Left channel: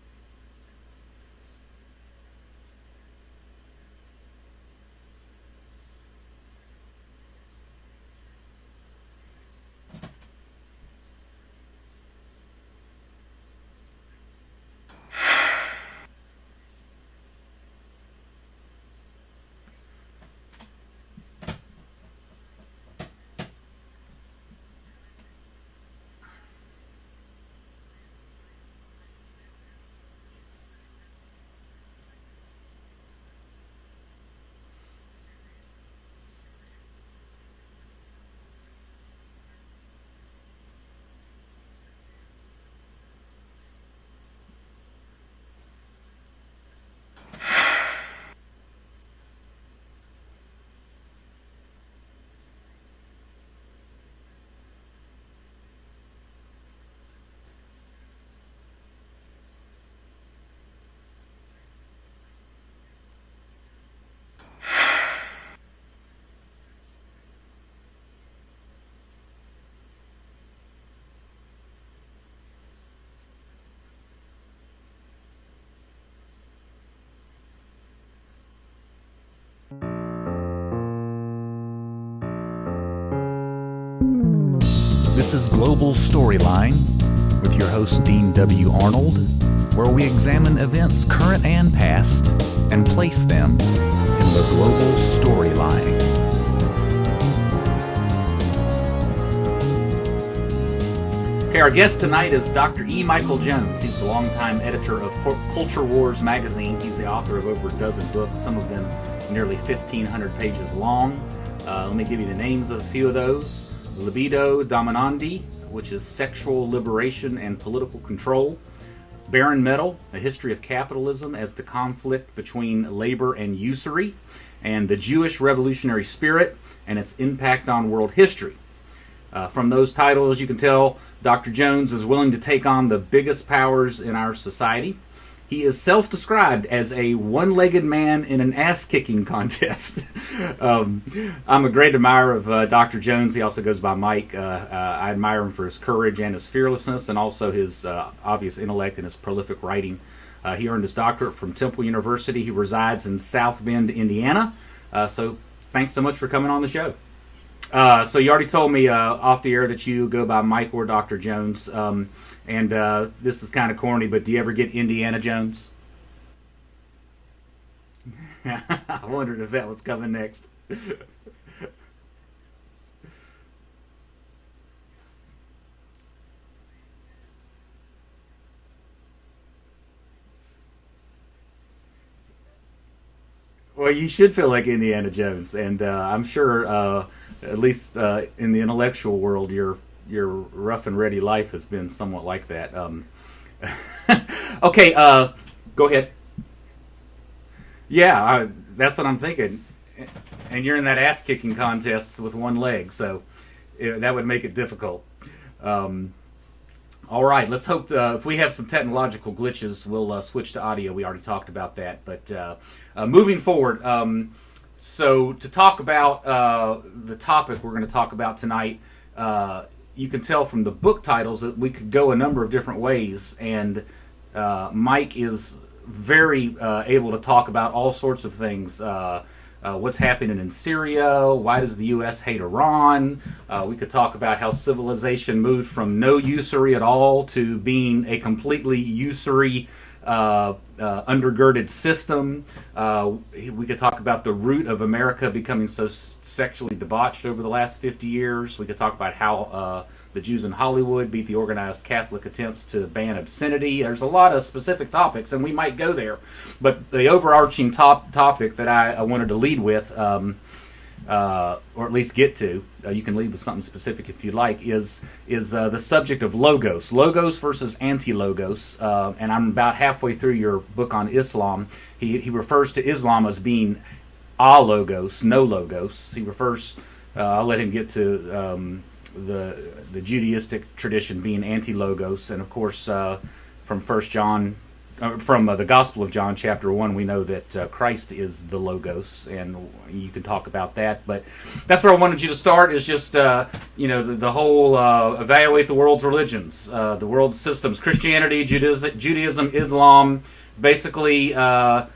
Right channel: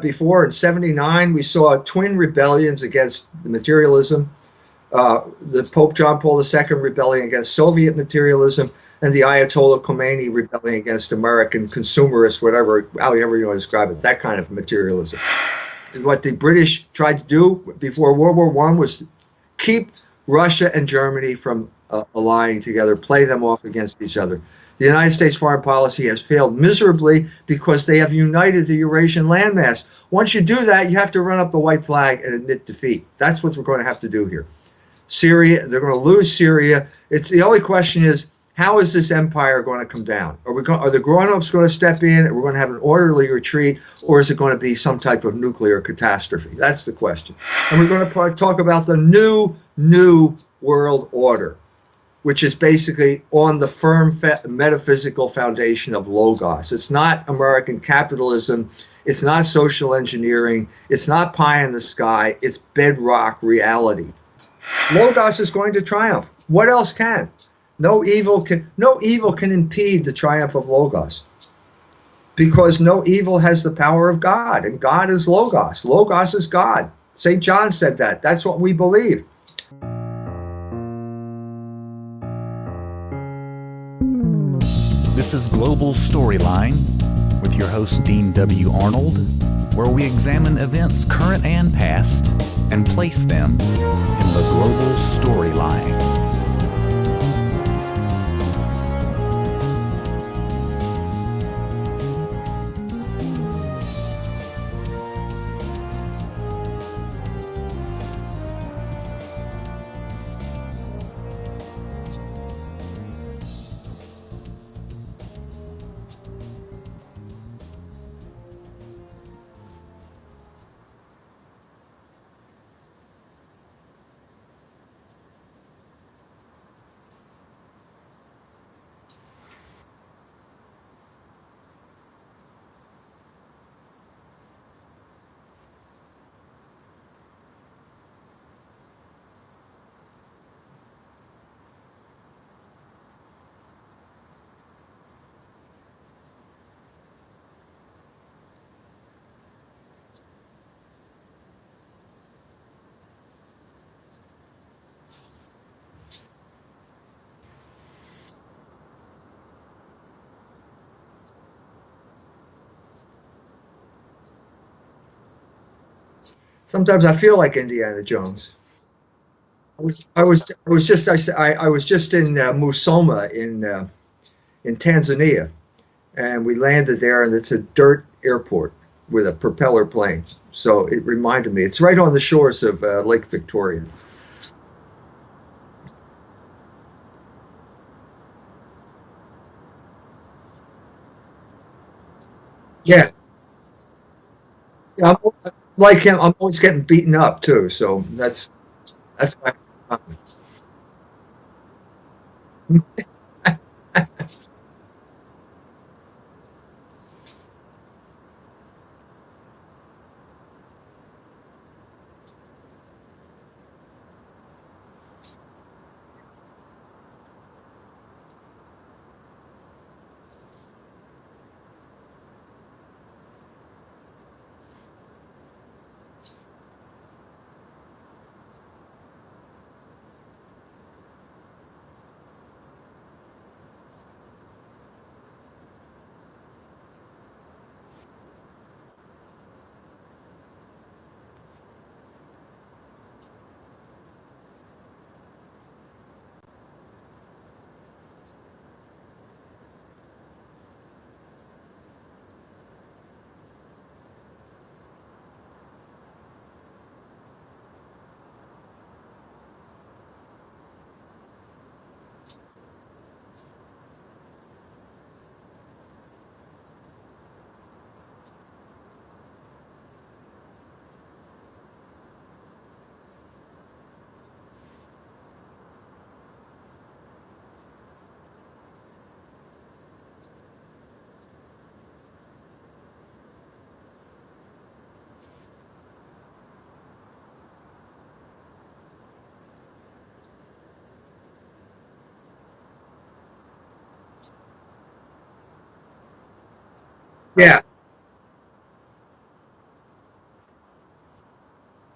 before. In '79, we saw twin rebellions against materialism. The Pope John Paul II rebelling against Soviet materialism, and the Ayatollah Khomeini rebelling against American consumerist, however you want to describe it, that kind of materialism. What the British tried to do before World War I was keep Russia and Germany from allying together, play them off against each other. The United States foreign policy has failed miserably because they have united the Eurasian landmass. Once you do that, you have to run up the white flag and admit defeat. That's what we're going to have to do here. Syria, they're going to lose Syria. It's the only question is, how is this empire going to come down? Are the grown-ups going to step in and we're going to have an orderly retreat, or is it going to be some type of nuclear catastrophe? That's the question. And we're going to talk about the new world order, which is basically on the firm metaphysical foundation of Logos. It's not American capitalism. It's not social engineering. It's not pie in the sky. It's bedrock reality. Logos is going to triumph. What else can? No evil can impede the triumph of Logos, because no evil has the power of God, and God is Logos. Logos is God. St. John said that. That's what we believe. This is Global Storyline with your host, Dean W. Arnold, where we examine events current and past and place them in the global storyline. Okay, our guest tonight is Dr. E. Michael Jones. He's the longtime editor of Culture Wars magazine. He's the author of over a dozen books, some of them nearly 1,500 pages long. Let me give you the names of a few of those. Libido Dominandi, which is sexual liberation and political control. Barren Metal, a history of capitalism as the conflict between labor and usury. And the Jewish revolutionary spirit and its impact on world history. From those titles, you can tell Dr. Jones is willing to take on the biggest powers in our society. He is self-described as a one-legged man in an ass-kicking contest. I'm a great admirer of Dr. Jones. He also goes by Mike. I admire him for his courage and his fearlessness, and also his obvious intellect and his prolific writing. He earned his doctorate from Temple University. He resides in South Bend, Indiana. So thanks so much for coming on the show. So you already told me off the air that you go by Mike or Dr. Jones. And this is kind of corny, but do you ever get Indiana Jones? Sometimes I feel like Indiana Jones. I wondered if that was coming next. I was just in Musoma in Tanzania, and we landed there, and it's a dirt airport with a propeller plane. So it reminded me. It's right on the shores of Lake Victoria. Well, you should feel like Indiana Jones, and I'm sure, at least in the intellectual world, your rough and ready life has been somewhat like that. Yeah. Okay. Like him, I'm always getting beaten up too. So yeah, that's what I'm thinking. And you're in that ass kicking contest with one leg, so that would make it difficult. All right, let's hope if we have some technological glitches, we'll switch to audio. We already talked about that, but moving forward. So to talk about the topic we're going to talk about tonight. You can tell from the book titles that we could go a number of different ways, and Mike is very able to talk about all sorts of things. What's happening in Syria? Why does the U.S. hate Iran? We could talk about how civilization moved from no usury at all to being a completely usury undergirded system. We could talk about the root of America becoming so sexually debauched over the last 50 years. We could talk about how the Jews in Hollywood beat the organized Catholic attempts to ban obscenity. There's a lot of specific topics, and we might go there. But the overarching topic that I wanted to lead with, or at least get to, you can lead with something specific if you like, is the subject of logos. Logos versus anti-logos. And I'm about halfway through your book on Islam. He refers to Islam as being a-logos, no logos. He refers, I'll let him get to the Judaistic tradition being anti-logos. And of course, from 1 John from the Gospel of John, chapter 1, we know that Christ is the Logos, and you can talk about that. But that's where I wanted you to start, is just, the whole evaluate the world's religions, the world's systems, Christianity, Judaism, Islam, basically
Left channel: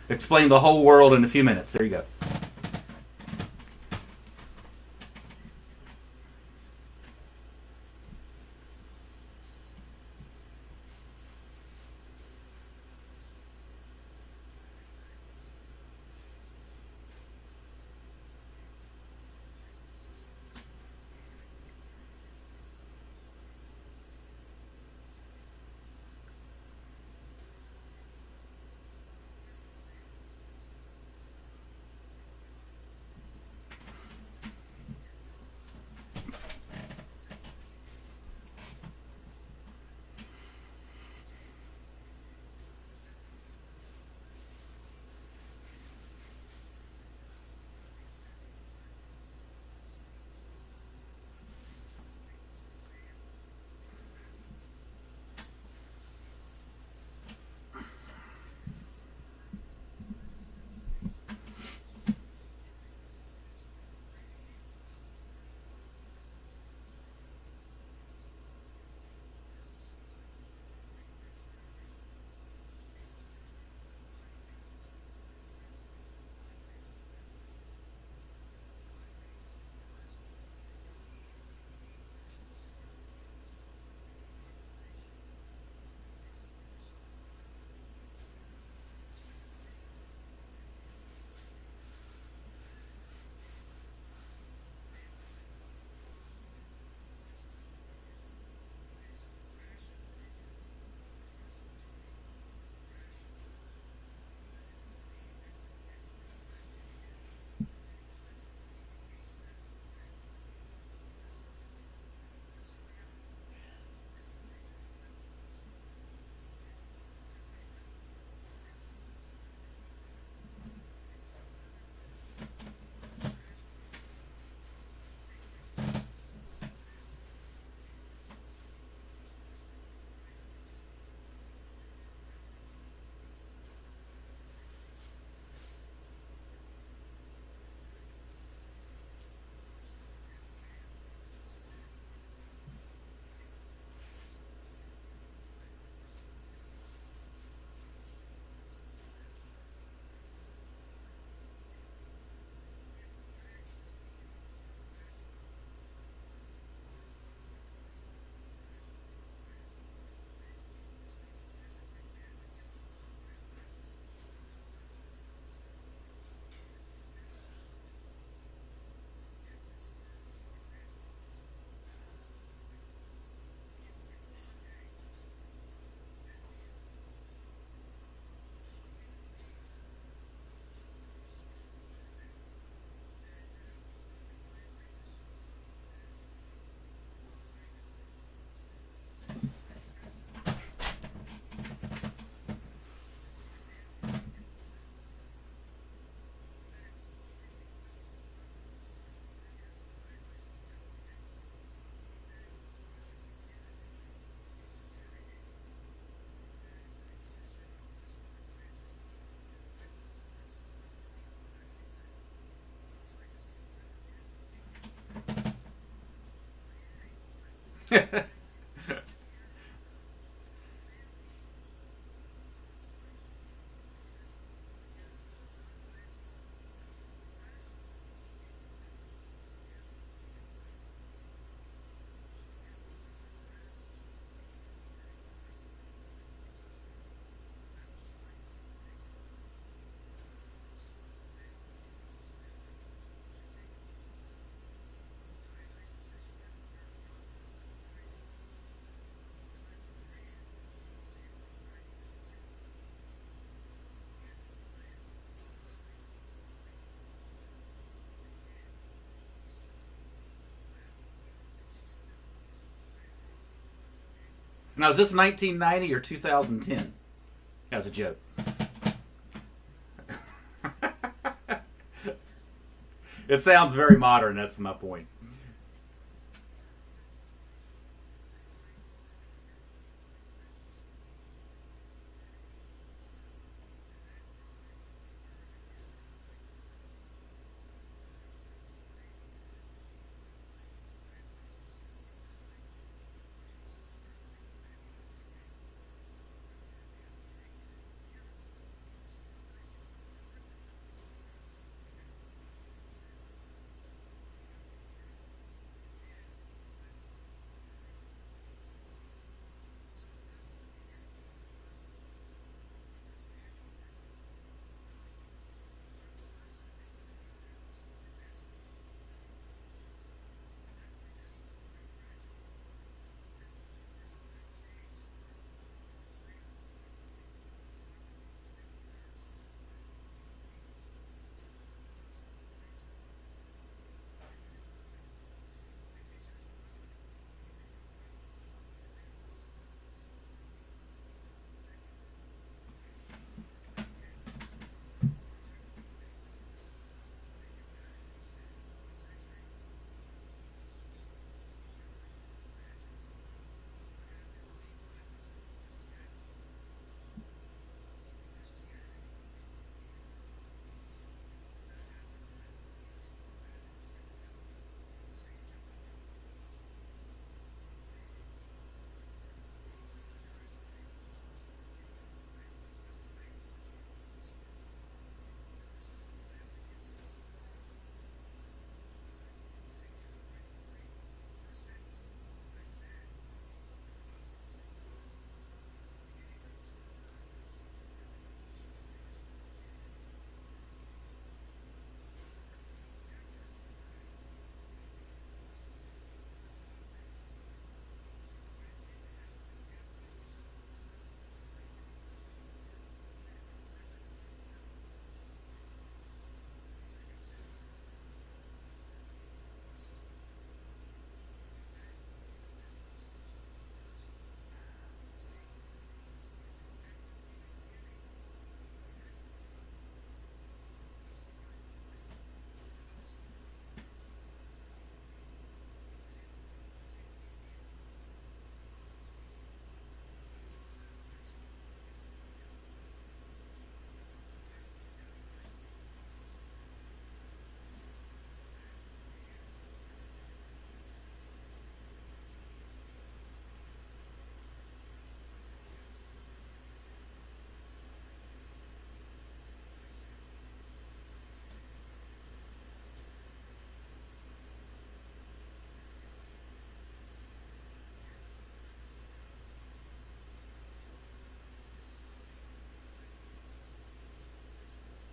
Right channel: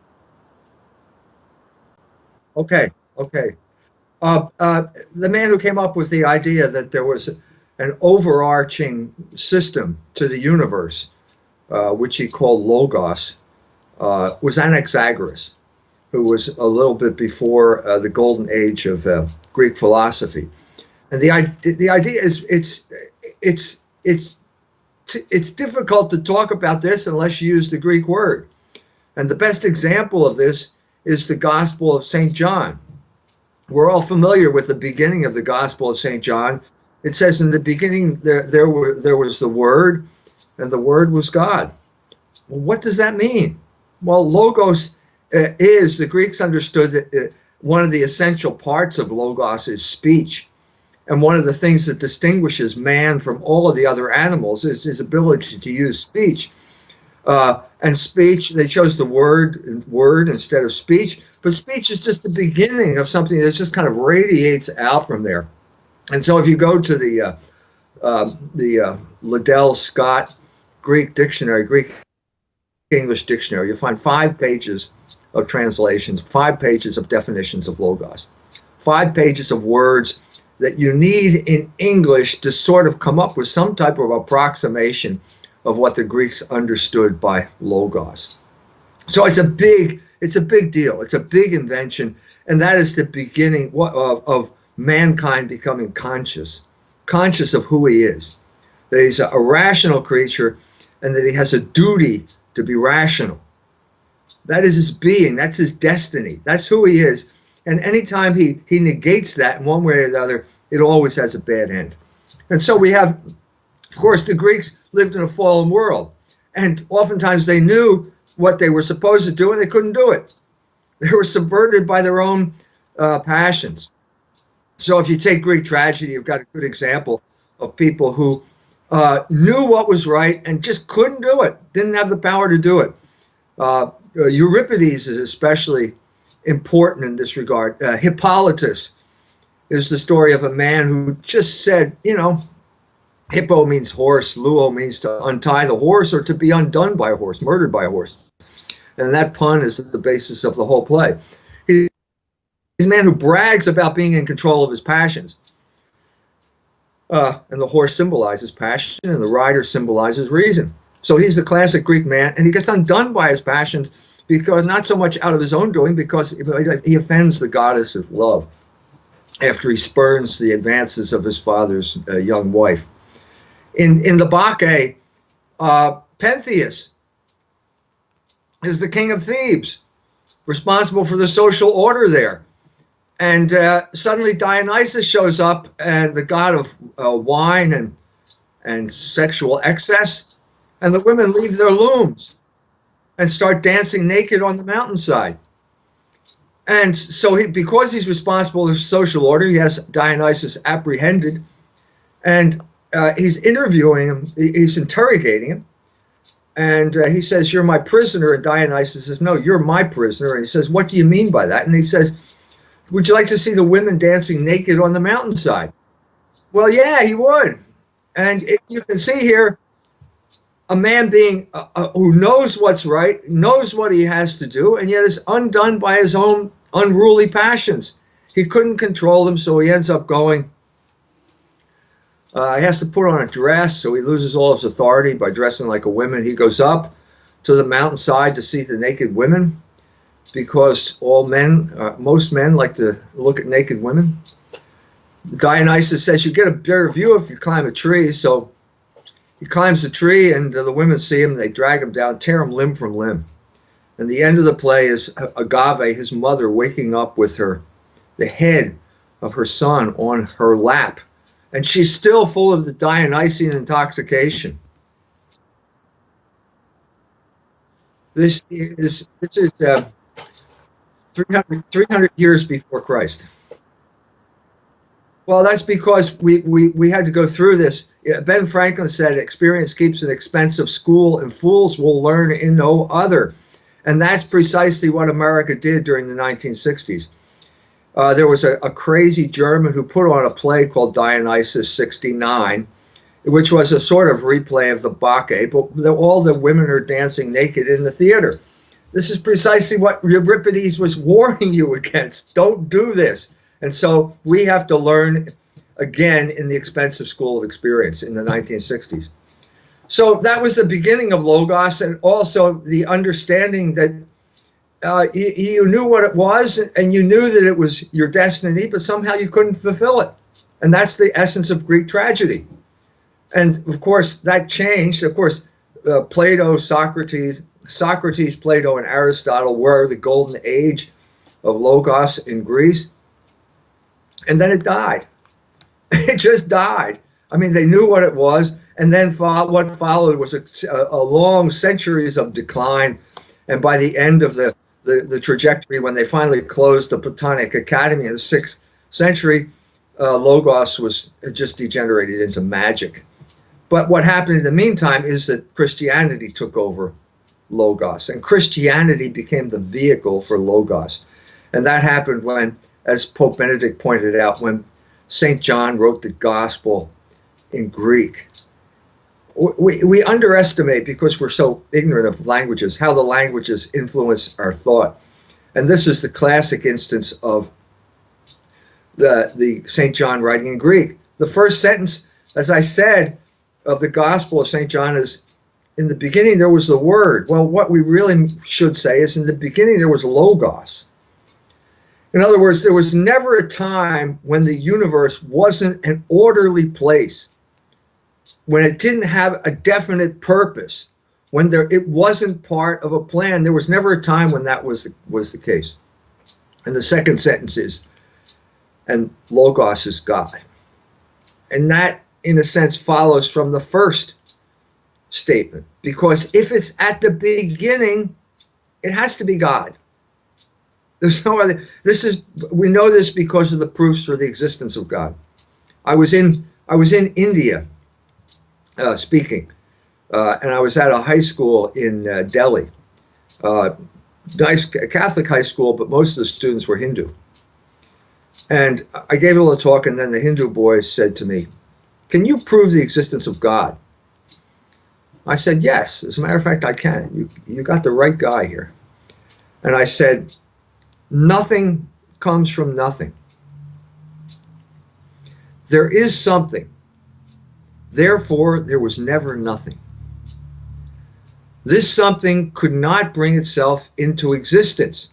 explain the whole world in a few minutes. There you go. Okay. The man who came up with the idea that there was an overarching system to the universe, which he called Logos, was Anaxagoras, who was a little bit before the golden age of Greek philosophy. And the idea is it's difficult to talk about this unless you use the Greek word. And the best example of this is the Gospel of St. John. We're all familiar with the beginning of the Gospel of St. John. It says, in the beginning there was the Word, and the Word was God. Well, what does that mean? Well, Logos the Greeks understood that one of the essential parts of Logos is speech. And one of the things that distinguishes man from all of the other animals is his ability to use speech. And speech, they chose the word instead of speech. But speech is just the beginning of something that just kind of radiates out from there. And so if you go to the Liddell Scott Greek dictionary, Greek English dictionary, you'll find 5 pages of translations, 5 pages of definitions of Logos, 5 pages of words that you need in English to sort of come up with some type of approximation of what the Greeks understood by Logos. So it's a big deal. It's a big invention, and that is the beginning of mankind becoming conscious of who he is, that he's a rational creature, and that he has a duty to be rational. That is his being. That's his destiny. That's who he is. And anytime he negates that in one way or the other, it always has a bad end. And so we have, of course, the Greeks lived in a fallen world, and oftentimes they knew what they were supposed to do, and they couldn't do it. They were subverted by their own passions. So if you take Greek tragedy, you've got a good example of people who knew what was right and just couldn't do it, didn't have the power to do it. Euripides is especially important in this regard. Hippolytus is the story of a man who just said, hippo means horse, luo means to untie the horse or to be undone by a horse, murdered by a horse. And that pun is the basis of the whole play. He's a man who brags about being in control of his passions. And the horse symbolizes passion, and the rider symbolizes reason. So he's the classic Greek man, and he gets undone by his passions, because not so much out of his own doing, because he offends the goddess of love after he spurns the advances of his father's young wife. In the Bacchae, Pentheus is the king of Thebes, responsible for the social order there. And suddenly Dionysus shows up, and the god of wine and sexual excess, and the women leave their looms and start dancing naked on the mountainside. And so because he's responsible for social order, he has Dionysus apprehended, and he's interviewing him, he's interrogating him, and he says, "You're my prisoner," and Dionysus says, "No, you're my prisoner." And he says, "What do you mean by that?" And he says, "Would you like to see the women dancing naked on the mountainside?" Well, yeah, he would. And you can see here a man being who knows what's right, knows what he has to do, and yet is undone by his own unruly passions. He couldn't control them, so he ends up going. He has to put on a dress, so he loses all his authority by dressing like a woman. He goes up to the mountainside to see the naked women, because most men like to look at naked women. Dionysus says you get a better view if you climb a tree, so he climbs the tree, and the women see him, they drag him down, tear him limb from limb. And the end of the play is Agave, his mother, waking up with the head of her son on her lap. And she's still full of the Dionysian intoxication. Now, is this 1990 or 2010? As a joke. This is 300 years before Christ. It sounds very modern. That's my point. Well, that's because we had to go through this. Ben Franklin said, experience keeps an expensive school, and fools will learn in no other. And that's precisely what America did during the 1960s. There was a crazy German who put on a play called Dionysus 69, which was a sort of replay of the Bacchae, but all the women are dancing naked in the theater. This is precisely what Euripides was warning you against. Don't do this. And so we have to learn again in the expensive school of experience in the 1960s. So that was the beginning of Logos, and also the understanding that you knew what it was, and you knew that it was your destiny, but somehow you couldn't fulfill it. And that's the essence of Greek tragedy. And of course, that changed. Of course, Plato, Socrates, Plato, and Aristotle were the golden age of Logos in Greece. And then it died. It just died. I mean, they knew what it was, and then what followed was a long centuries of decline. And by the end of the trajectory, when they finally closed the Platonic Academy in the 6th century, Logos was just degenerated into magic. But what happened in the meantime is that Christianity took over Logos, and Christianity became the vehicle for Logos. And that happened when, as Pope Benedict pointed out, when St. John wrote the gospel in Greek. We underestimate, because we're so ignorant of languages, how the languages influence our thought. And this is the classic instance of the St. John writing in Greek. The first sentence, as I said, of the Gospel of St. John is, in the beginning there was the Word. Well, what we really should say is, in the beginning there was Logos. In other words, there was never a time when the universe wasn't an orderly place, when it didn't have a definite purpose, when it wasn't part of a plan. There was never a time when that was the case. And the second sentence is, and Logos is God. And that, in a sense, follows from the first statement, because if it's at the beginning, it has to be God. There's no other. We know this because of the proofs for the existence of God. I was in India speaking, and I was at a high school in Delhi, nice Catholic high school, but most of the students were Hindu. And I gave a little talk, and then the Hindu boy said to me, "Can you prove the existence of God?" I said, "Yes. As a matter of fact, I can. You got the right guy here." And I said, "Nothing comes from nothing. There is something. Therefore, there was never nothing. This something could not bring itself into existence,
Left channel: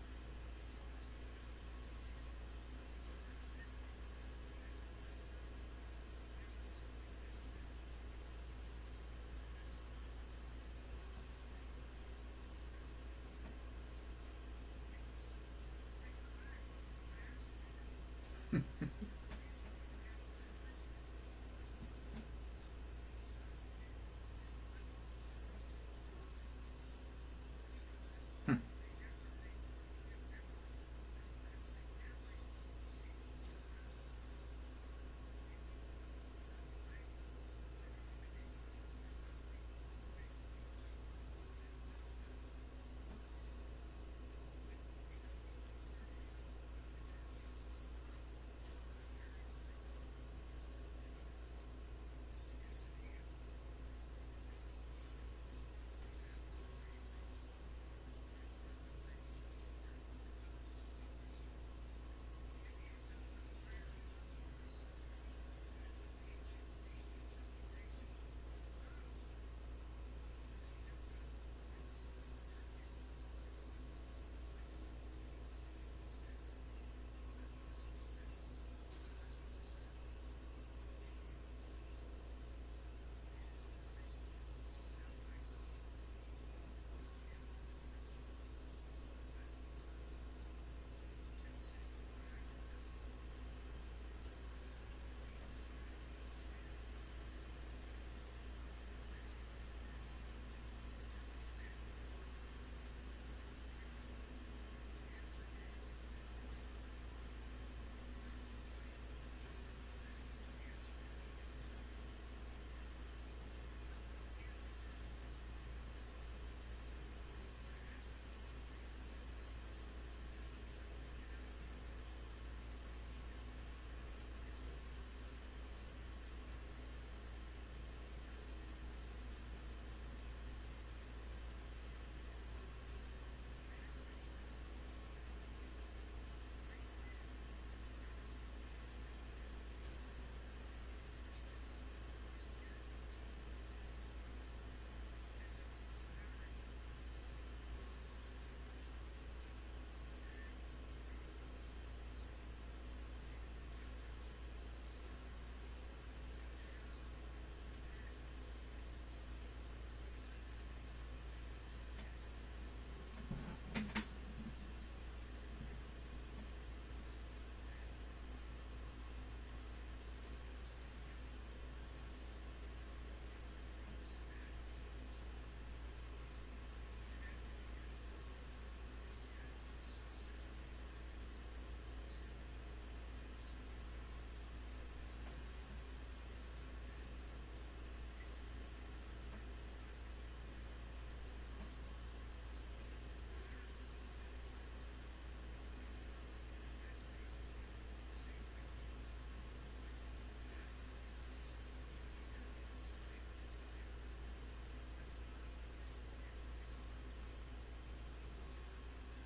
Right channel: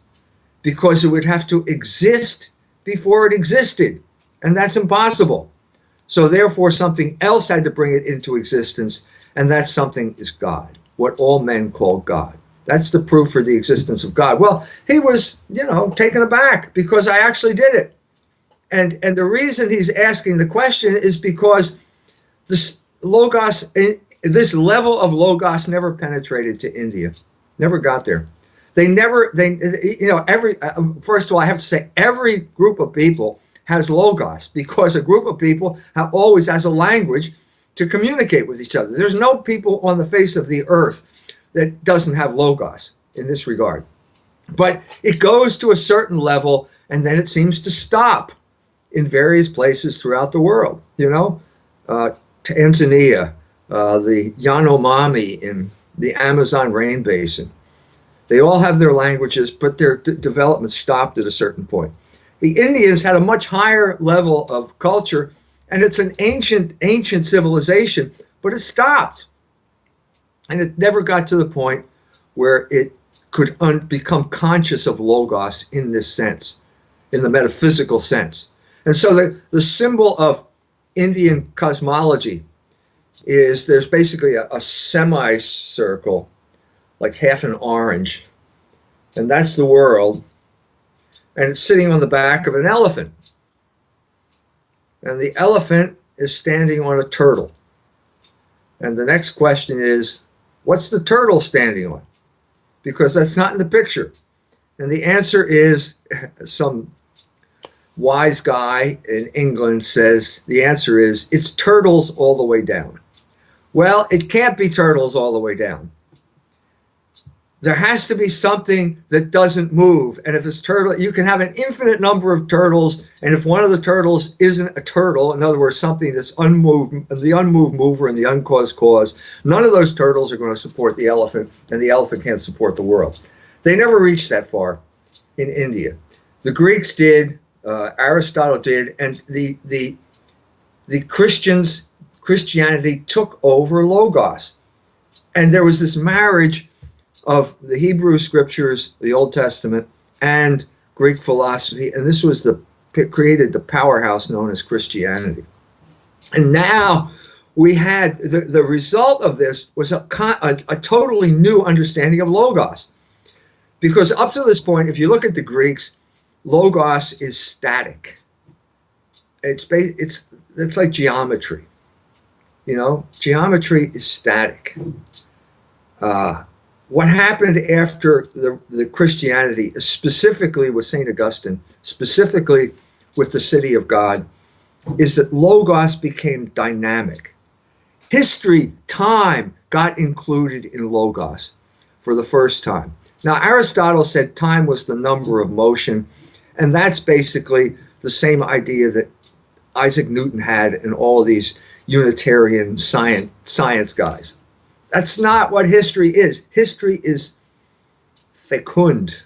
because it would have to exist before it existed, and that's impossible. So therefore, something else had to bring it into existence, and that something is God, what all men call God." That's the proof for the existence of God. Well, he was, taken aback, because I actually did it. And the reason he's asking the question is because this Logos, this level of Logos never penetrated to India, never got there. First of all, I have to say, every group of people has Logos, because a group of people always has a language to communicate with each other. There's no people on the face of the earth that doesn't have Logos in this regard. But it goes to a certain level, and then it seems to stop in various places throughout the world. Tanzania, the Yanomami in the Amazon rain basin. They all have their languages, but their development stopped at a certain point. The Indians had a much higher level of culture, and it's an ancient civilization, but it stopped. And it never got to the point where it could become conscious of Logos in this sense, in the metaphysical sense. And so the symbol of Indian cosmology is, there's basically a semicircle, like half an orange, and that's the world, and it's sitting on the back of an elephant. And the elephant is standing on a turtle. And the next question is, what's the turtle standing on? Because that's not in the picture. And the answer is, some wise guy in England says, the answer is, it's turtles all the way down. Well, it can't be turtles all the way down. There has to be something that doesn't move. And if it's turtle, you can have an infinite number of turtles. And if one of the turtles isn't a turtle, in other words, something that's unmoved, the unmoved mover and the uncaused cause, none of those turtles are going to support the elephant, and the elephant can't support the world. They never reached that far in India. The Greeks did, Aristotle did, and the Christianity took over Logos. And there was this marriage of the Hebrew scriptures, the Old Testament, and Greek philosophy, and this was created the powerhouse known as Christianity. And now we had the result of this was a totally new understanding of Logos, because up to this point, if you look at the Greeks, Logos is static. It's like geometry. You know, geometry is static. What happened after the Christianity, specifically with St. Augustine, specifically with the city of God, is that Logos became dynamic. History, time, got included in Logos for the first time. Now, Aristotle said time was the number of motion, and that's basically the same idea that Isaac Newton had and all of these Unitarian science guys. That's not what history is. History is fecund.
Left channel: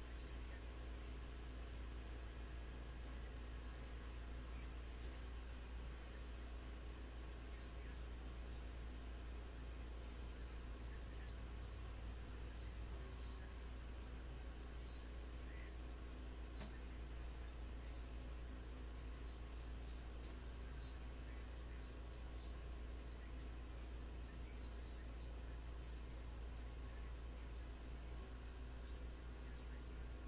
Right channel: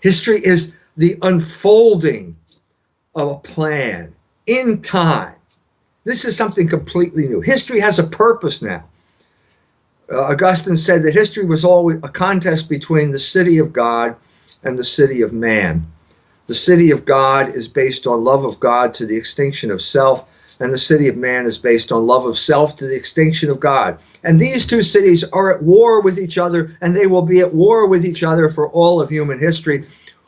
History is the unfolding of a plan in time. This is something completely new. History has a purpose now. Augustine said that history was always a contest between the city of God and the city of man. The city of God is based on love of God to the extinction of self, and the city of man is based on love of self to the extinction of God. And these two cities are at war with each other, and they will be at war with each other for all of human history,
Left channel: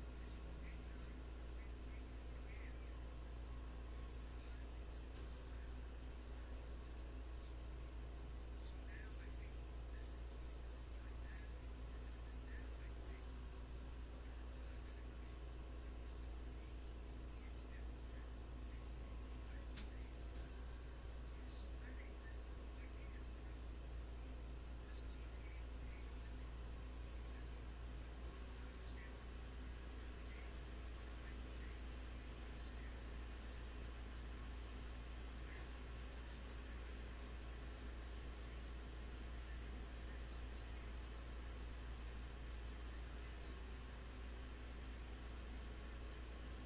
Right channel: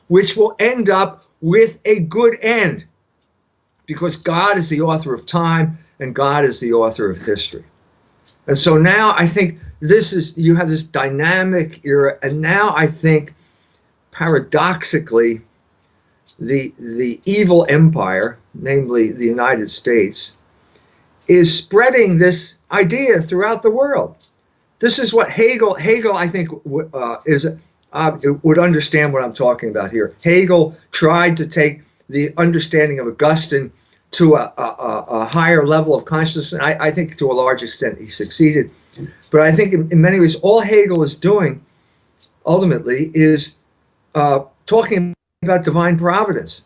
which will end up with a good end, because God is the author of time and God is the author of history. And so now I think you have this dynamic era, and now I think paradoxically the evil empire, namely the United States, is spreading this idea throughout the world. This is what Hegel I think would understand what I'm talking about here. Hegel tried to take the understanding of Augustine to a higher level of consciousness, and I think to a large extent he succeeded. But I think in many ways all Hegel is doing ultimately is talking about divine providence.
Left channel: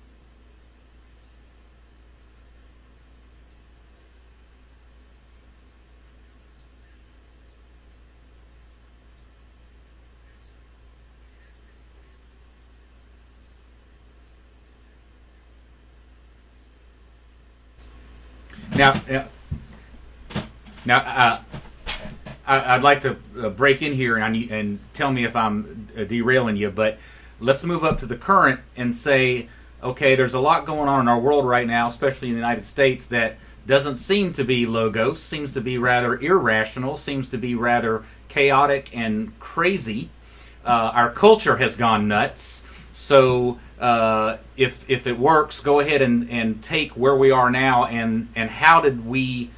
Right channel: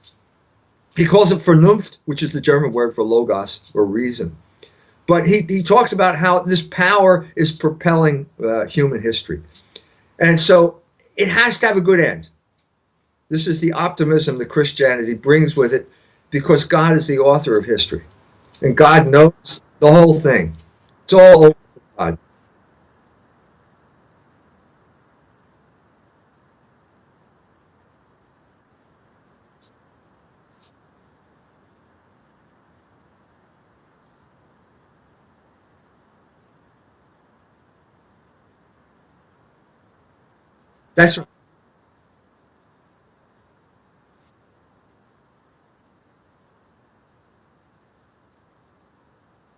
He calls it Vernunft, which is the German word for logos or reason. But he talks about how this power is propelling human history. And so it has to have a good end. This is the optimism that Christianity brings with it, because God is the author of history. And God knows the whole thing. Now, it's all over God. I'd like to break in here and tell me if I'm derailing you, but let's move up to the current and say, okay, there's a lot going on in our world right now, especially in the United States, that doesn't seem to be logos, seems to be rather irrational, seems to be rather chaotic and crazy. Our culture has gone nuts. So if it works, go ahead and take where we are now and how did we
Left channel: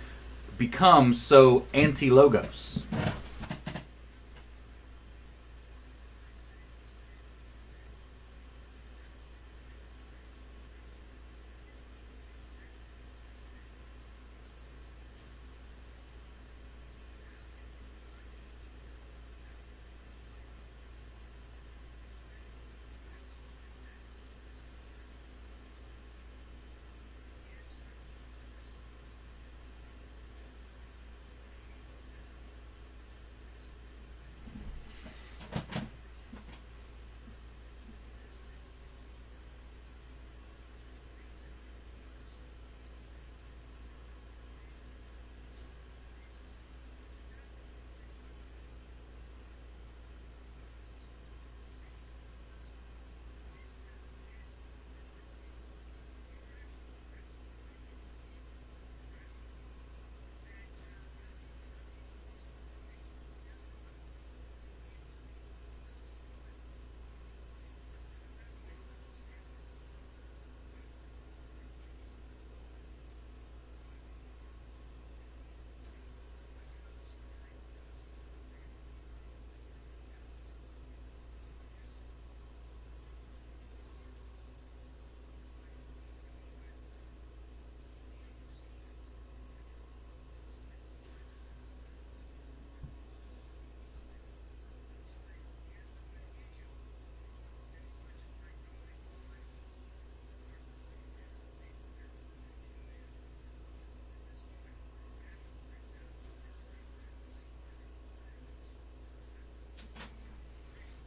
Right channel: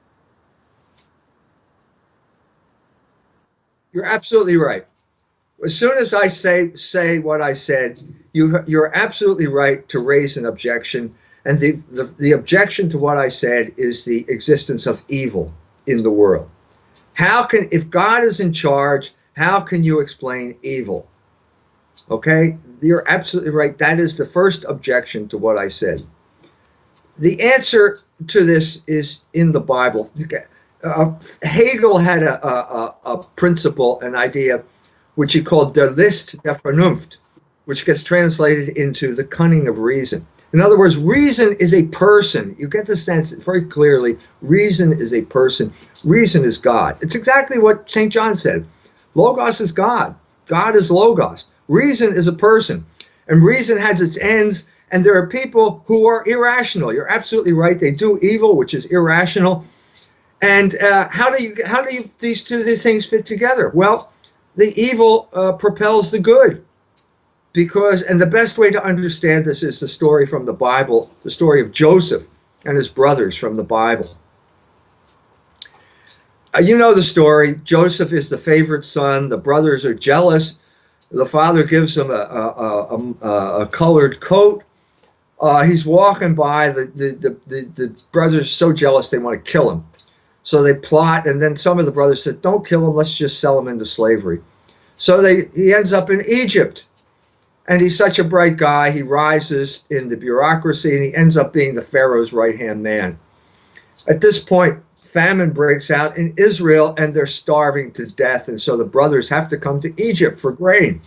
become so anti-logos? You're absolutely right. As soon as I say what I said, you're absolutely right to raise an objection. And the objection to what I said is the existence of evil in the world. If God is in charge, how can you explain evil? Okay, you're absolutely right. That is the first objection to what I said. The answer to this is in the Bible. Hegel had a principle, an idea, which he called der List der Vernunft, which gets translated into the cunning of reason. In other words, reason is a person. You get the sense very clearly, reason is a person. Reason is God. It's exactly what St. John said. Logos is God. God is Logos. Reason is a person. And reason has its ends, and there are people who are irrational. You're absolutely right. They do evil, which is irrational. And how do these two things fit together? Well, the evil propels the good. because, and the best way to understand this is the story from the Bible, the story of Joseph and his brothers from the Bible. You know the story. Joseph is the favorite son. The brothers are jealous. The father gives him a colored coat. He's walking by. The brothers are so jealous they want to kill him. So they plot, and then some of the brothers said, "Don't kill him. Let's just sell him into slavery." So he ends up in Egypt. And he's such a bright guy. He rises in the bureaucracy, and he ends up being the Pharaoh's right-hand man. At this point, famine breaks out in Israel, and they're starving to death. And so the brothers have to come to Egypt for grain.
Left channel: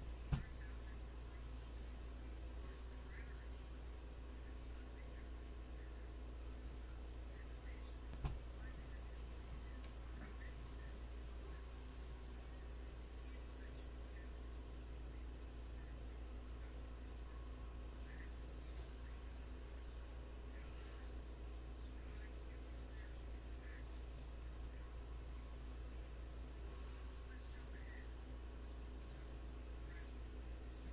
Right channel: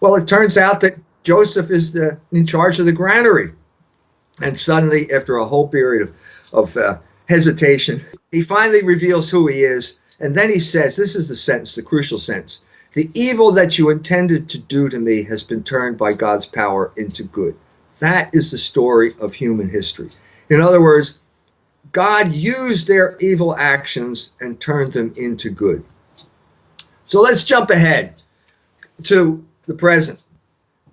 Well, it turns out that Joseph is in charge of the granary. And suddenly, after a whole period of hesitation, he finally reveals who he is. And then he says, this is the sentence, the crucial sentence: "The evil that you intended to do to me has been turned by God's power into good." That is the story of human history. In other words, God used their evil actions and turned them into good. So let's jump ahead to the present.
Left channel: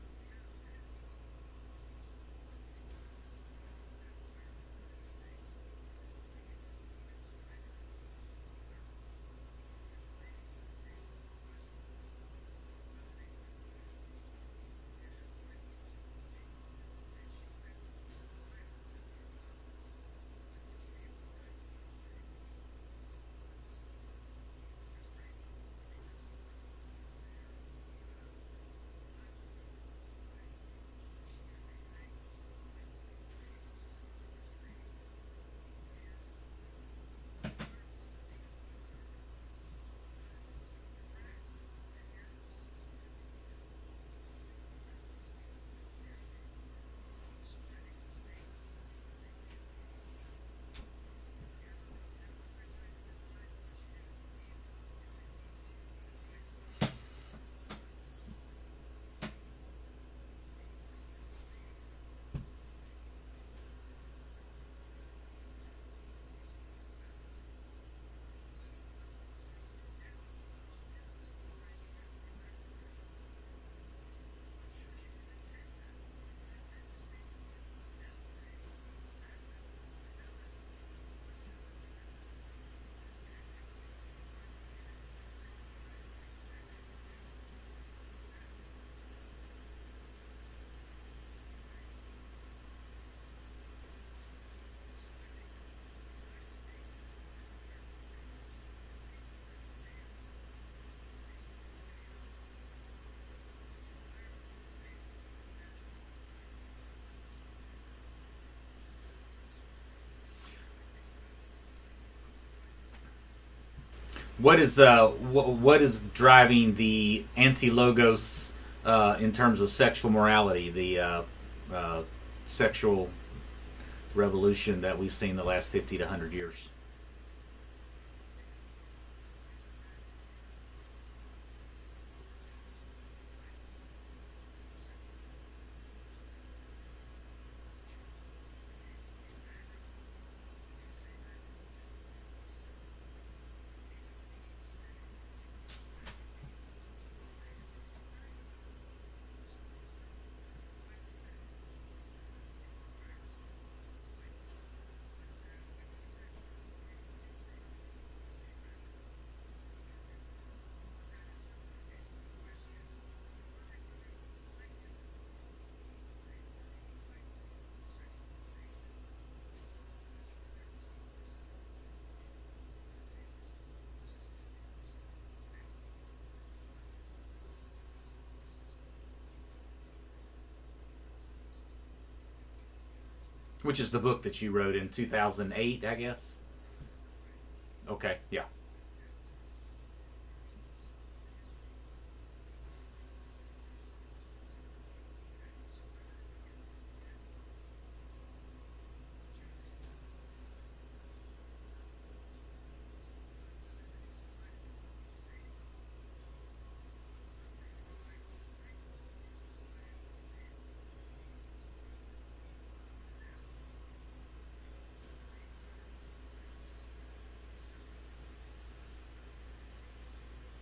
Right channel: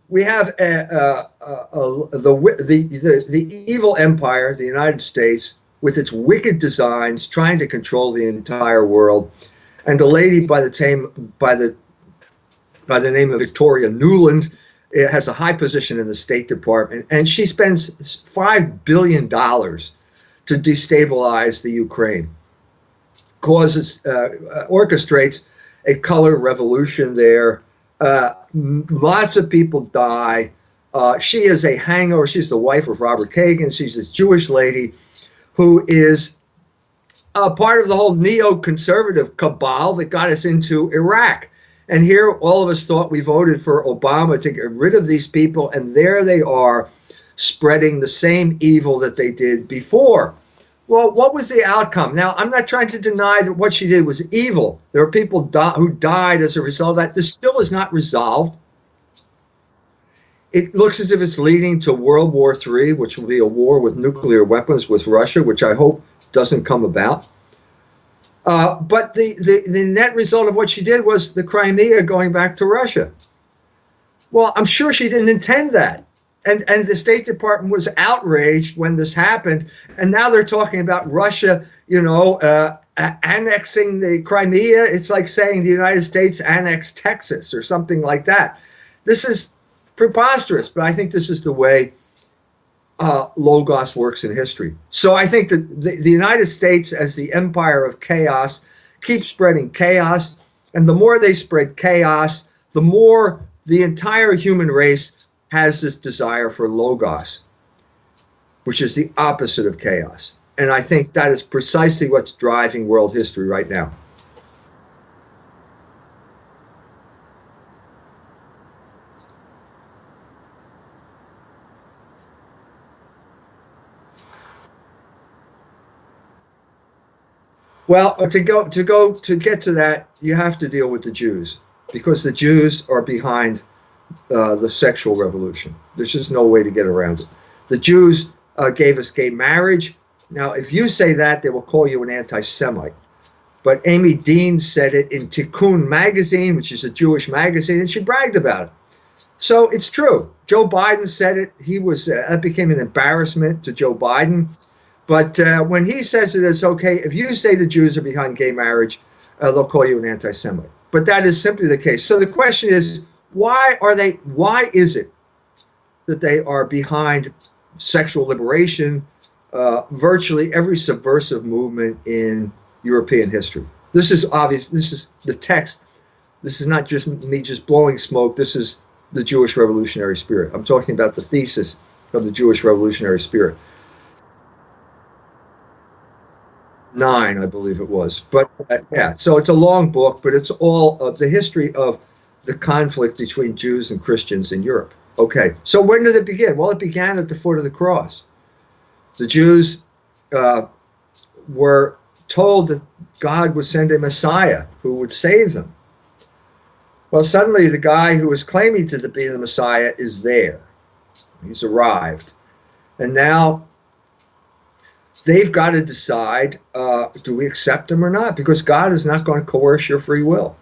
We have the evil empire, the United States, with its wicked designs, trying to control the entire world, and a lady by the name of Victoria Nuland has a high position in the State Department, and she spends $5 billion to destabilize the Ukraine, orchestrates a color revolution there. Lots of people die. She is a hangover. She's the wife of Robert Kagan. She's this Jewish lady who is part of the whole neoconservative cabal that got us into Iraq. And here, all of us thought we voted for Obama to get rid of these people, and there they are, spreading the same evil that they did before. Well, what was the outcome? Now, I'm not trying to deny that what she did was evil. There are people who died as a result of that. This still is not resolved. It looks as if it's leading to World War III, which will be a war with nuclear weapons with Russia, which I hope doesn't come about. But the net result of what she did was the Crimea going back to Russia. Well, I'm sure she didn't intend that. And the State Department was outraged when this happened. And now they're talking about Russia, annexing the Crimea. It's like saying the United States annexed Texas or something like that. This is preposterous, but I think this is the way Logos works in history. So I think that the United States, as the empire of chaos, keeps spreading chaos. And the more they spread chaos, the more the entire human race has this desire for Logos, which is the opposite of chaos. And I think that is precisely what's driving world history right now. What is driving the anti-Logos in terms of sexual morality, the sexual revolution that we've seen the last 50 to 100 years? Well, to get to that, you have to deal with the Jews, because the Jews are behind the sexual revolution. There's just no way to get around it. The Jews gave us gay marriage. Now, if you say that, they will call you an anti-Semite. But Amy Dean said it in Tikkun magazine, which is a Jewish magazine, and she bragged about it. So it's true. Joe Biden said it. That became an embarrassment to Joe Biden. But when he says it's okay, if you say the Jews are behind gay marriage, they'll call you an anti-Semite. But that is simply the case. So the question is, why is it that they are behind sexual liberation, virtually every subversive movement in European history? This is obvious. This is the text. This is not just me just blowing smoke. This is the Jewish revolutionary spirit. I'm talking about the thesis of the Jewish revolutionary spirit. Which is the book that you wrote in 2008, I guess? 9, I believe it was. But yeah, so it's a long book, but it's all of the history of the conflict between Jews and Christians in Europe. Okay, so when did it begin? Well, it began at the foot of the cross. The Jews were told that God would send a Messiah who would save them. Well, suddenly the guy who was claiming to be the Messiah is there. He's arrived. And now they've got to decide, do we accept him or not? Because God is not going to coerce your free will.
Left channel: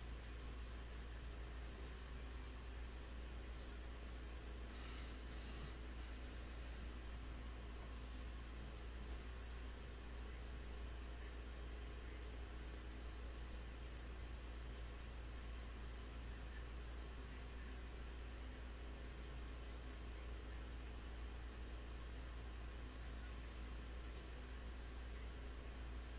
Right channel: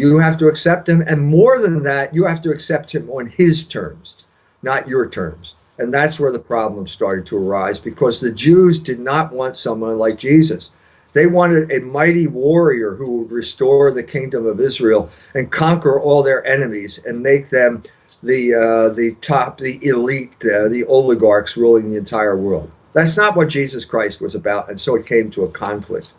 You have to accept him, and more than that, you have to accept him on his terms, not your terms. And that's where the problem started to arise, because the Jews did not want someone like Jesus. They wanted a mighty warrior who would restore the kingdom of Israel and conquer all their enemies and make them the top, the elite, the oligarchs ruling the entire world. That's not what Jesus Christ was about, and so it came to a conflict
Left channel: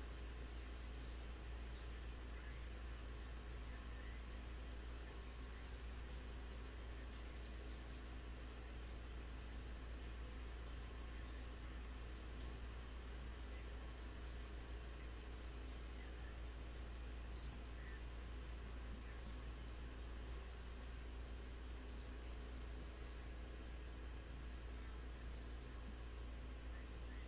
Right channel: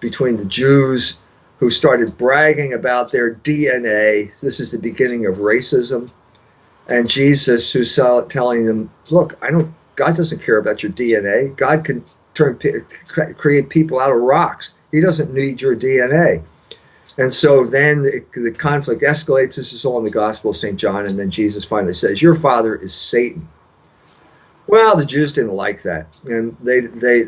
between the Jews, who started bragging about their DNA. This is the beginning of racism. And Jesus, who's telling them, look, God doesn't care about your DNA. God can create people out of rocks. He doesn't need your DNA. And so then the conflict escalates. This is all in the Gospel of St. John. And then Jesus finally says, your father is Satan. Well, the Jews didn't like that. And they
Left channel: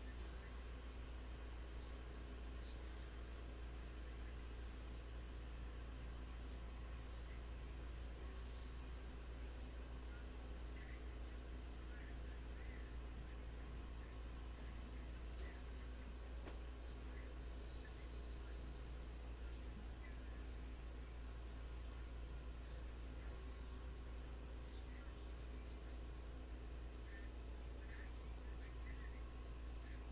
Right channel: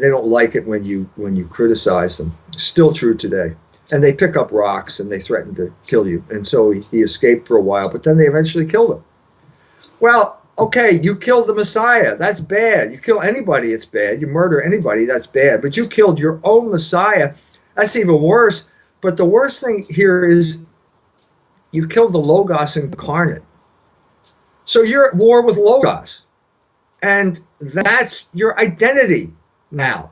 don't like it when you criticize them. Still true today. And they pick up rocks and they threaten to kill you. And so he escaped for a while, but then they eventually killed him. Well, okay, you killed the Messiah. That's bad. You kill anybody, it's bad. You murder anybody, that's bad. But you killed your own Messiah. That's even worse. But the worst thing here is you've killed the Logos incarnate. So you're at war with Logos. And that's your identity now.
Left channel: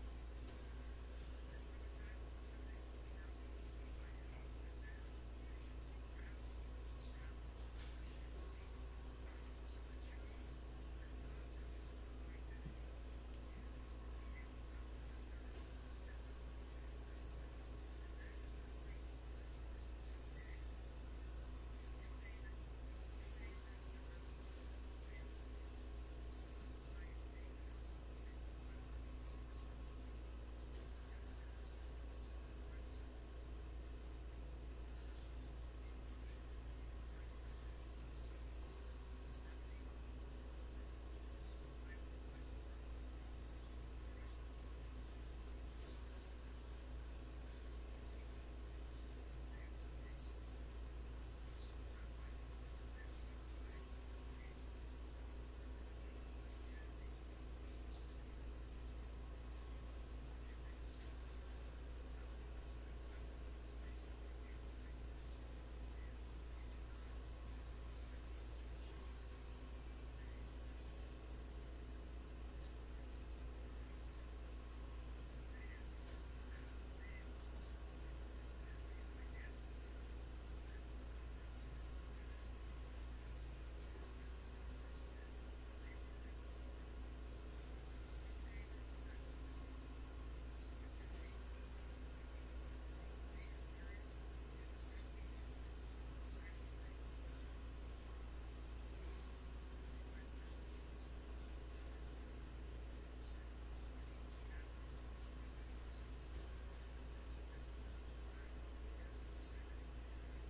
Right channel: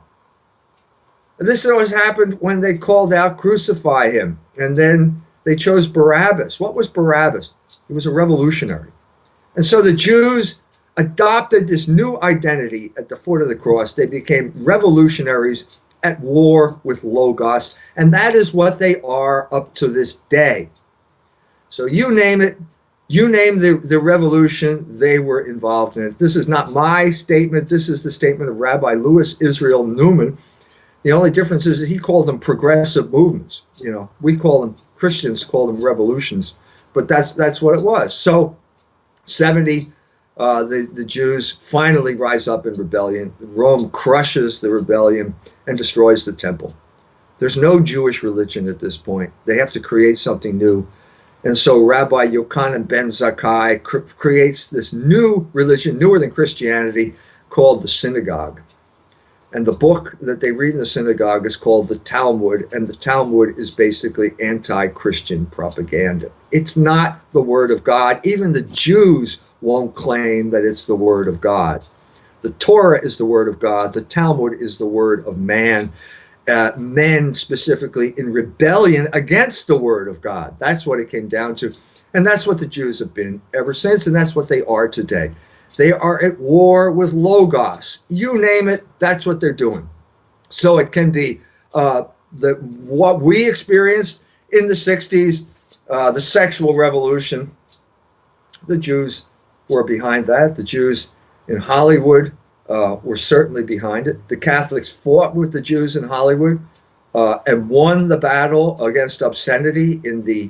This always happened when they called out, crucify him. And then they chose Barabbas. What was Barabbas? He was a revolutionary. And so the Jews adopted this new identity at the foot of the cross. They became revolutionaries at war with Logos. And that is what they are up to this day. So you name it. You name the revolution, they were involved in it. This is not my statement. This is the statement of Rabbi Louis Israel Newman. The only difference is that he called them progressive movements. You know, we call them, Christians call them revolutions, but that's what it was. So 70, the Jews finally rise up in rebellion. Rome crushes the rebellion and destroys the temple. There's no Jewish religion at this point. They have to create something new. And so Rabbi Yochanan ben Zakkai creates this new religion, newer than Christianity, called the synagogue. And the book that they read in the synagogue is called the Talmud, and the Talmud is basically anti-Christian propaganda. It's not the word of God. Even the Jews won't claim that it's the word of God. The Torah is the word of God. The Talmud is the word of man. Men specifically in rebellion against the word of God. That's what it came down to. And that's what the Jews have been ever since, and that's what they are today. They are at war with Logos. You name it, that's what they're doing. So it can be what we experienced in the 60s, the sexual revolution. The Jews were behind that. The Jews in Hollywood were certainly behind it. The Catholics fought with the Jews in Hollywood and won the battle against obscenity in the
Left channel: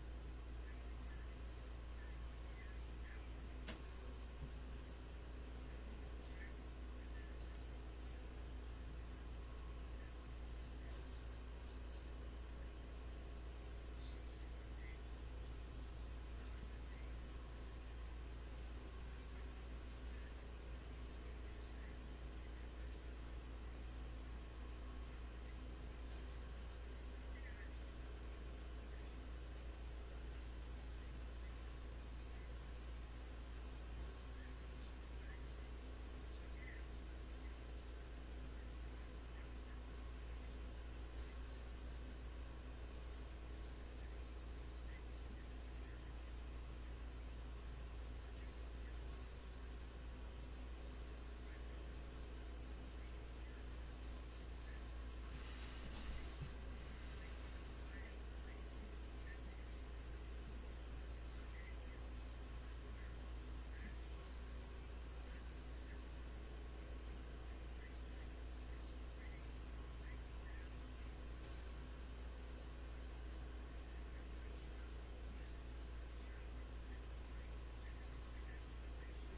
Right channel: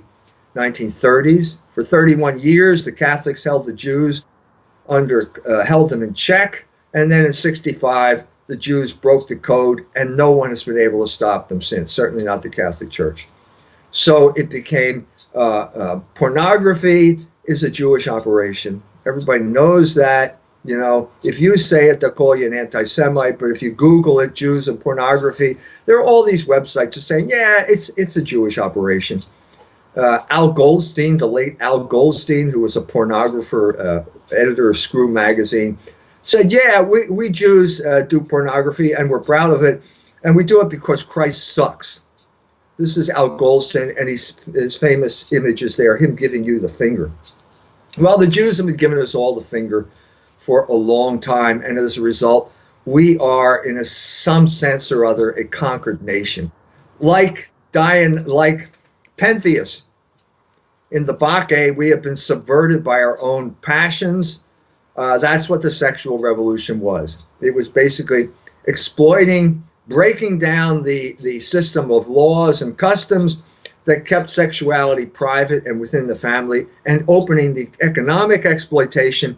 1930s. For 31 years, the Catholics held the Jews held them in check. And then in 65, the Jews broke the code, and no one has been able to stop them since, certainly not the Catholic Church. So it became pornography is a Jewish operation. Everybody knows that. You know, if you say it, they'll call you an anti-Semite. But if you Google it, Jews and pornography, there are all these websites just saying, yeah, it's a Jewish operation. Al Goldstein, the late Al Goldstein, who was a pornographer, editor of Screw magazine, said, yeah, we Jews do pornography and we're proud of it. And we do it because Christ sucks. This is Al Goldstein, and his famous image is there, him giving you the finger. Well, the Jews have been giving us all the finger for a long time, and as a result, we are, in some sense or other, a conquered nation. Like Pentheus in the Bacchae, we have been subverted by our own passions. That's what the sexual revolution was. It was basically exploiting, breaking down the system of laws and customs that kept sexuality private and within the family, and opening the economic exploitation,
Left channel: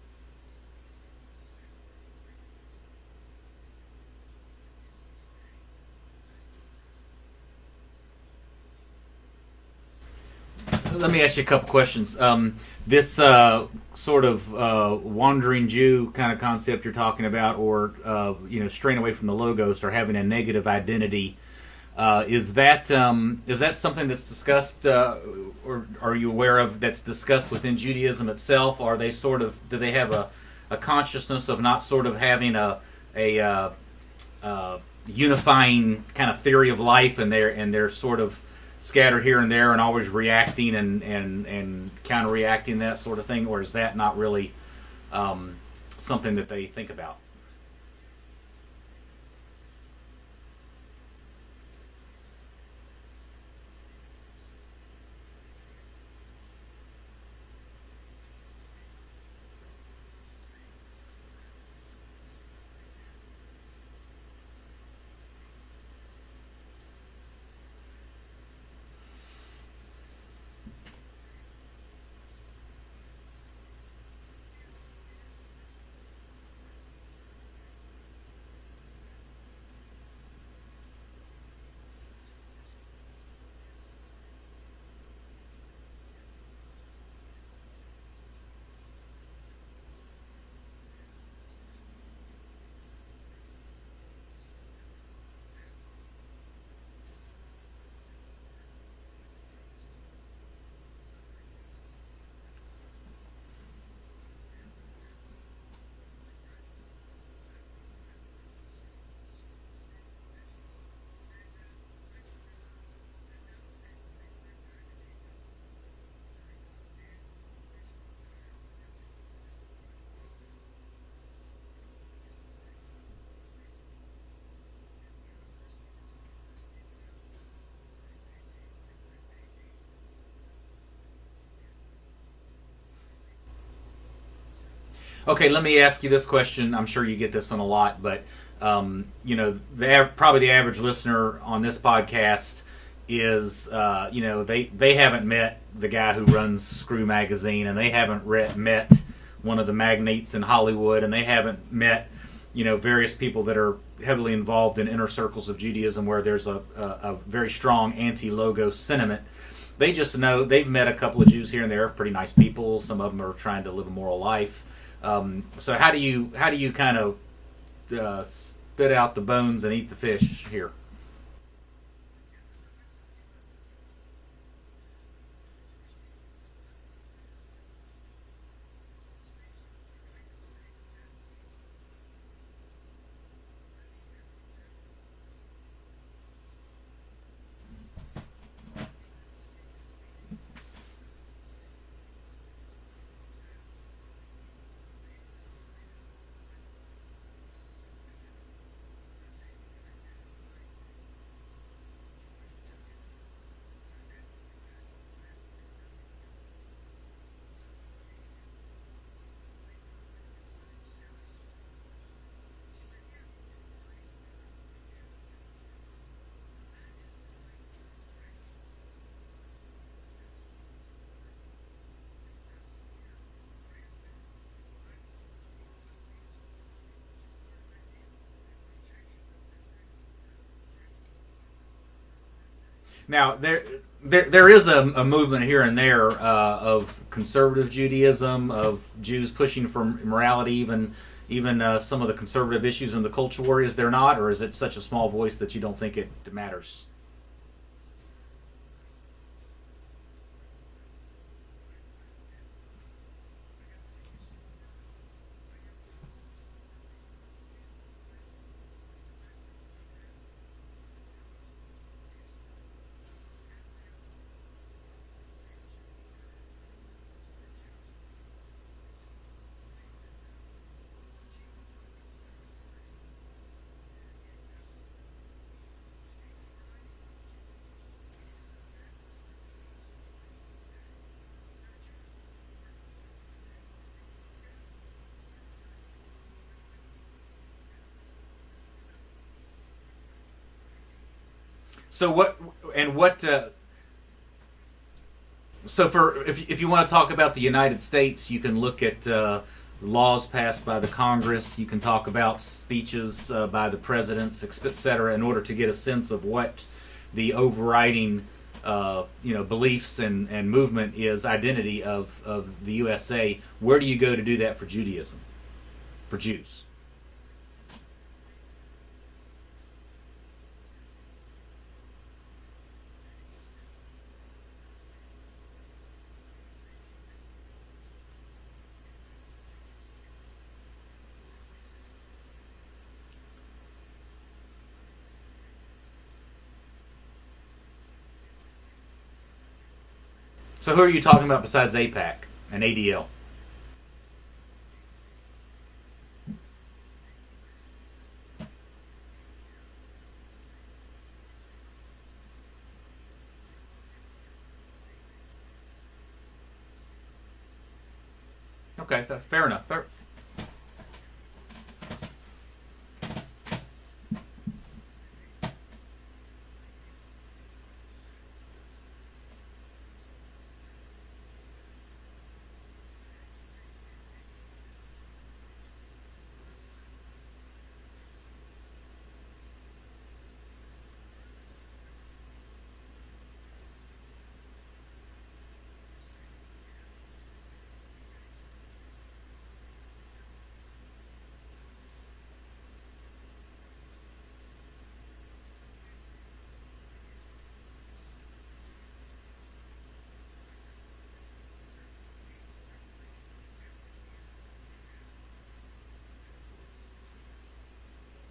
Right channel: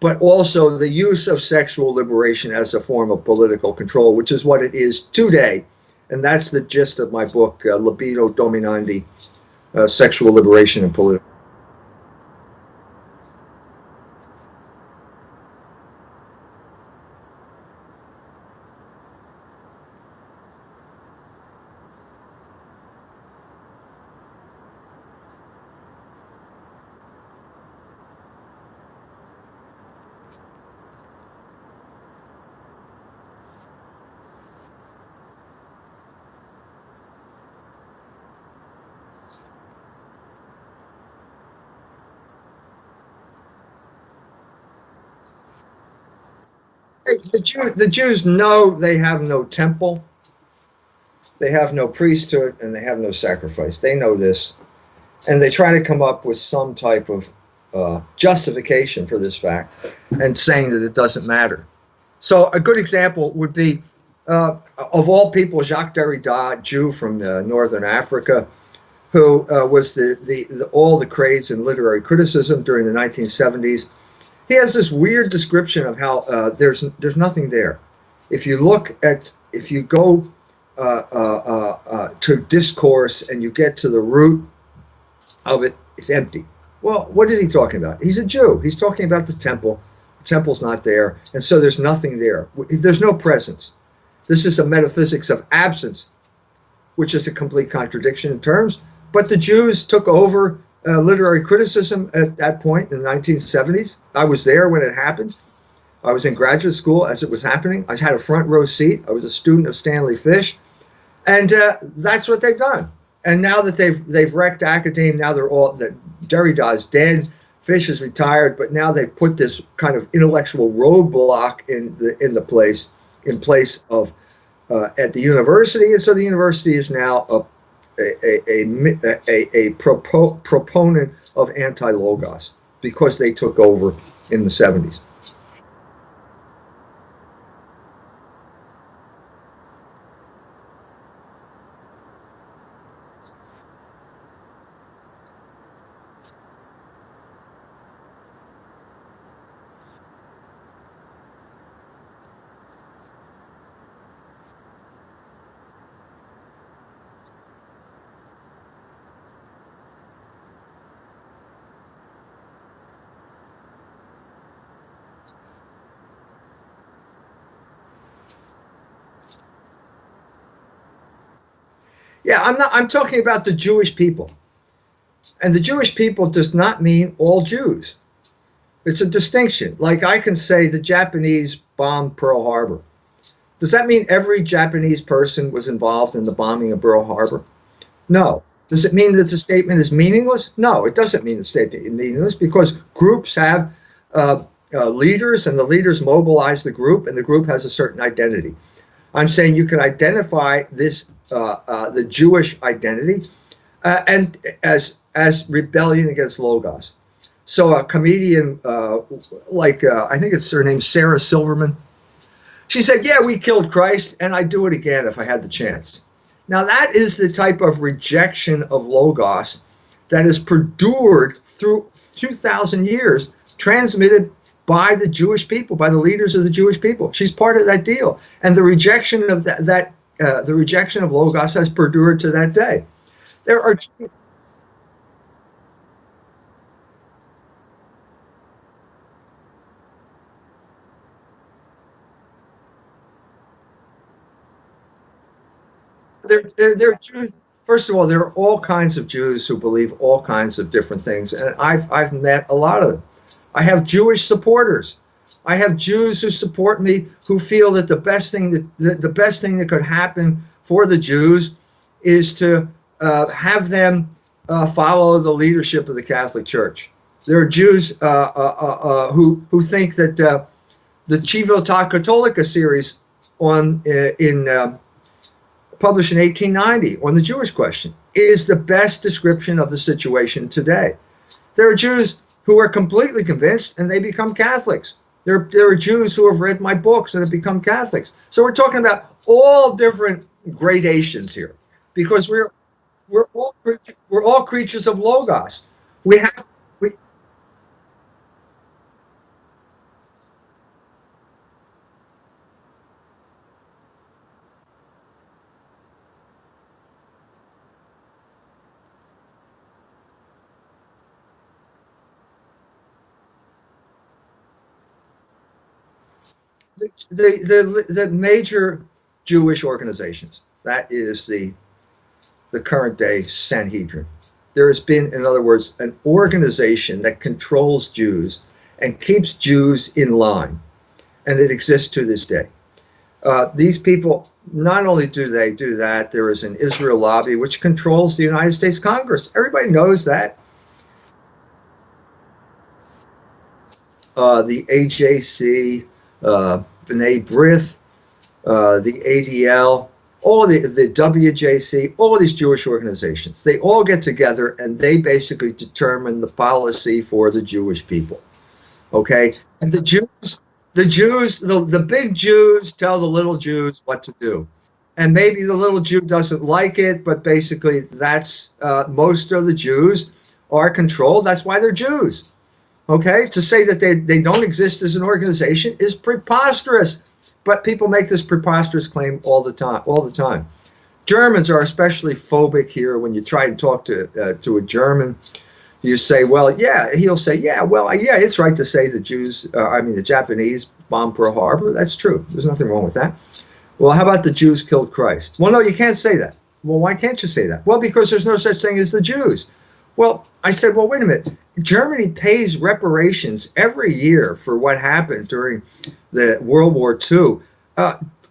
but also the use of sexual liberation as a form of political control, which is what it is today. And that's the gist of my book, Libido Dominandi, Sexual Liberation and Politics. Let me ask you a couple questions. This sort of wandering Jew kind of concept you're talking about, or straying away from the Logos or having a negative identity, Is that something that's discussed, or are you aware of that's discussed within Judaism itself? Or are they sort of, do they have a consciousness of not sort of having a unifying kind of theory of life, and they're sort of scattered here and there and always reacting and counter-reacting, that sort of thing? Or is that not really something that they think about? The Jews know they have no temple, they have no priesthood, and they have no sacrifice. They know this, and they try to come up with some type of justification for this fact and saying that it doesn't matter. So a good example would be, of all people, Jacques Derrida, Jew from northern Africa, who was all the craze in literary criticism during the 1970s. He has this weird description of how there's nothing there. If you go to discourse and you get to the root of it, it's empty. Well, what is he talking about? He's a Jew. He's talking about the temple. The temple's not there, and so there's nothing there. There's no presence. This is a metaphysics of absence, which is a complete contradiction in terms. But the Jews took over literary criticism at that point in the 1970s. I was there when it happened. I was in graduate school as it was happening. I had a front row seat. I was a student of Stanley Fish. And that's what they've done. And now that they've wrecked academia, now that Derrida is dead, Fish is retired, but now they've put this kind of intellectual roadblock in place of at the university. And so the university is now a proponent of anti-logos because they took over in the 70s. Okay, let me ask you this question. I'm sure you get this one a lot, but probably the average listener on this podcast is, they haven't met the guy who runs Screw Magazine, and they haven't met one of the magnates in Hollywood, and they haven't met, various people that are heavily involved in inner circles of Judaism where there's a very strong anti-logos sentiment. They just know they've met a couple of Jews here and there, pretty nice people. Some of them are trying to live a moral life. So how do you kind of spit out the bones and eat the fish here? Yeah, I'm talking about the Jewish people. And the Jewish people does not mean all Jews. It's a distinction. Like I can say the Japanese bombed Pearl Harbor. Does that mean every Japanese person was involved in the bombing of Pearl Harbor? No. Does it mean that the statement is meaningless? No, it doesn't mean the statement is meaningless, because groups have leaders, and the leaders mobilize the group, and the group has a certain identity. I'm saying you can identify this, the Jewish identity, and as rebellion against Logos. So a comedian I think it's her name, Sarah Silverman, she said, yeah, we killed Christ, and I'd do it again if I had the chance. Now that is the type of rejection of Logos that has perdured through 2,000 years, transmitted by the Jewish people, by the leaders of the Jewish people. She's part of that deal. And the rejection of the rejection of Logos has perdured to that day. Now, there is a movement here and there of conservative Judaism, of Jews pushing for morality, even some of the conservative issues in the culture war. Is there not, or is it such a small voice that you don't think it matters? There are Jews. First of all, there are all kinds of Jews who believe all kinds of different things, and I've met a lot of them. I have Jewish supporters. I have Jews who support me, who feel that the best thing that could happen for the Jews is to have them follow the leadership of the Catholic Church. There are Jews who think that the Civiltà Cattolica series published in 1890 on the Jewish question is the best description of the situation today. There are Jews who are completely convinced, and they become Catholics. There are Jews who have read my books and have become Catholics. So we're talking about all different gradations here, because we're all creatures of Logos. So if you want to talk about the United States, you can look at laws passed by the Congress. You can talk about speeches by the presidents, etc., in order to get a sense of what the overriding beliefs and movement is, identity of the USA. Where do you go to do that for Judaism, for Jews? The major Jewish organizations. That is the the current day Sanhedrin. There has been, in other words, an organization that controls Jews and keeps Jews in line. And it exists to this day. These people, not only do they do that, there is an Israel lobby which controls the United States Congress. Everybody knows that. So who are you talking about besides AIPAC and ADL? The AJC, B'nai B'rith, the ADL, all the WJC, all these Jewish organizations. They all get together and they basically determine the policy for the Jewish people. Okay? Fair enough. And the big Jews tell the little Jews what to do. And maybe the little Jew doesn't like it, but basically that's most of the Jews are controlled. That's why they're Jews. Okay? To say that they don't exist as an organization is preposterous. But people make this preposterous claim all the time. Germans are especially phobic here. When you try to talk to a German, you say, well, yeah, he'll say, yeah, it's right to say the the Japanese bombed Pearl Harbor. That's true. There's nothing wrong with that. Well, how about the Jews killed Christ? Well, no, you can't say that. Well, why can't you say that? Well, because there's no such thing as the Jews. Well, I said, well, wait a minute. Germany pays reparations every year for what happened during the World War II.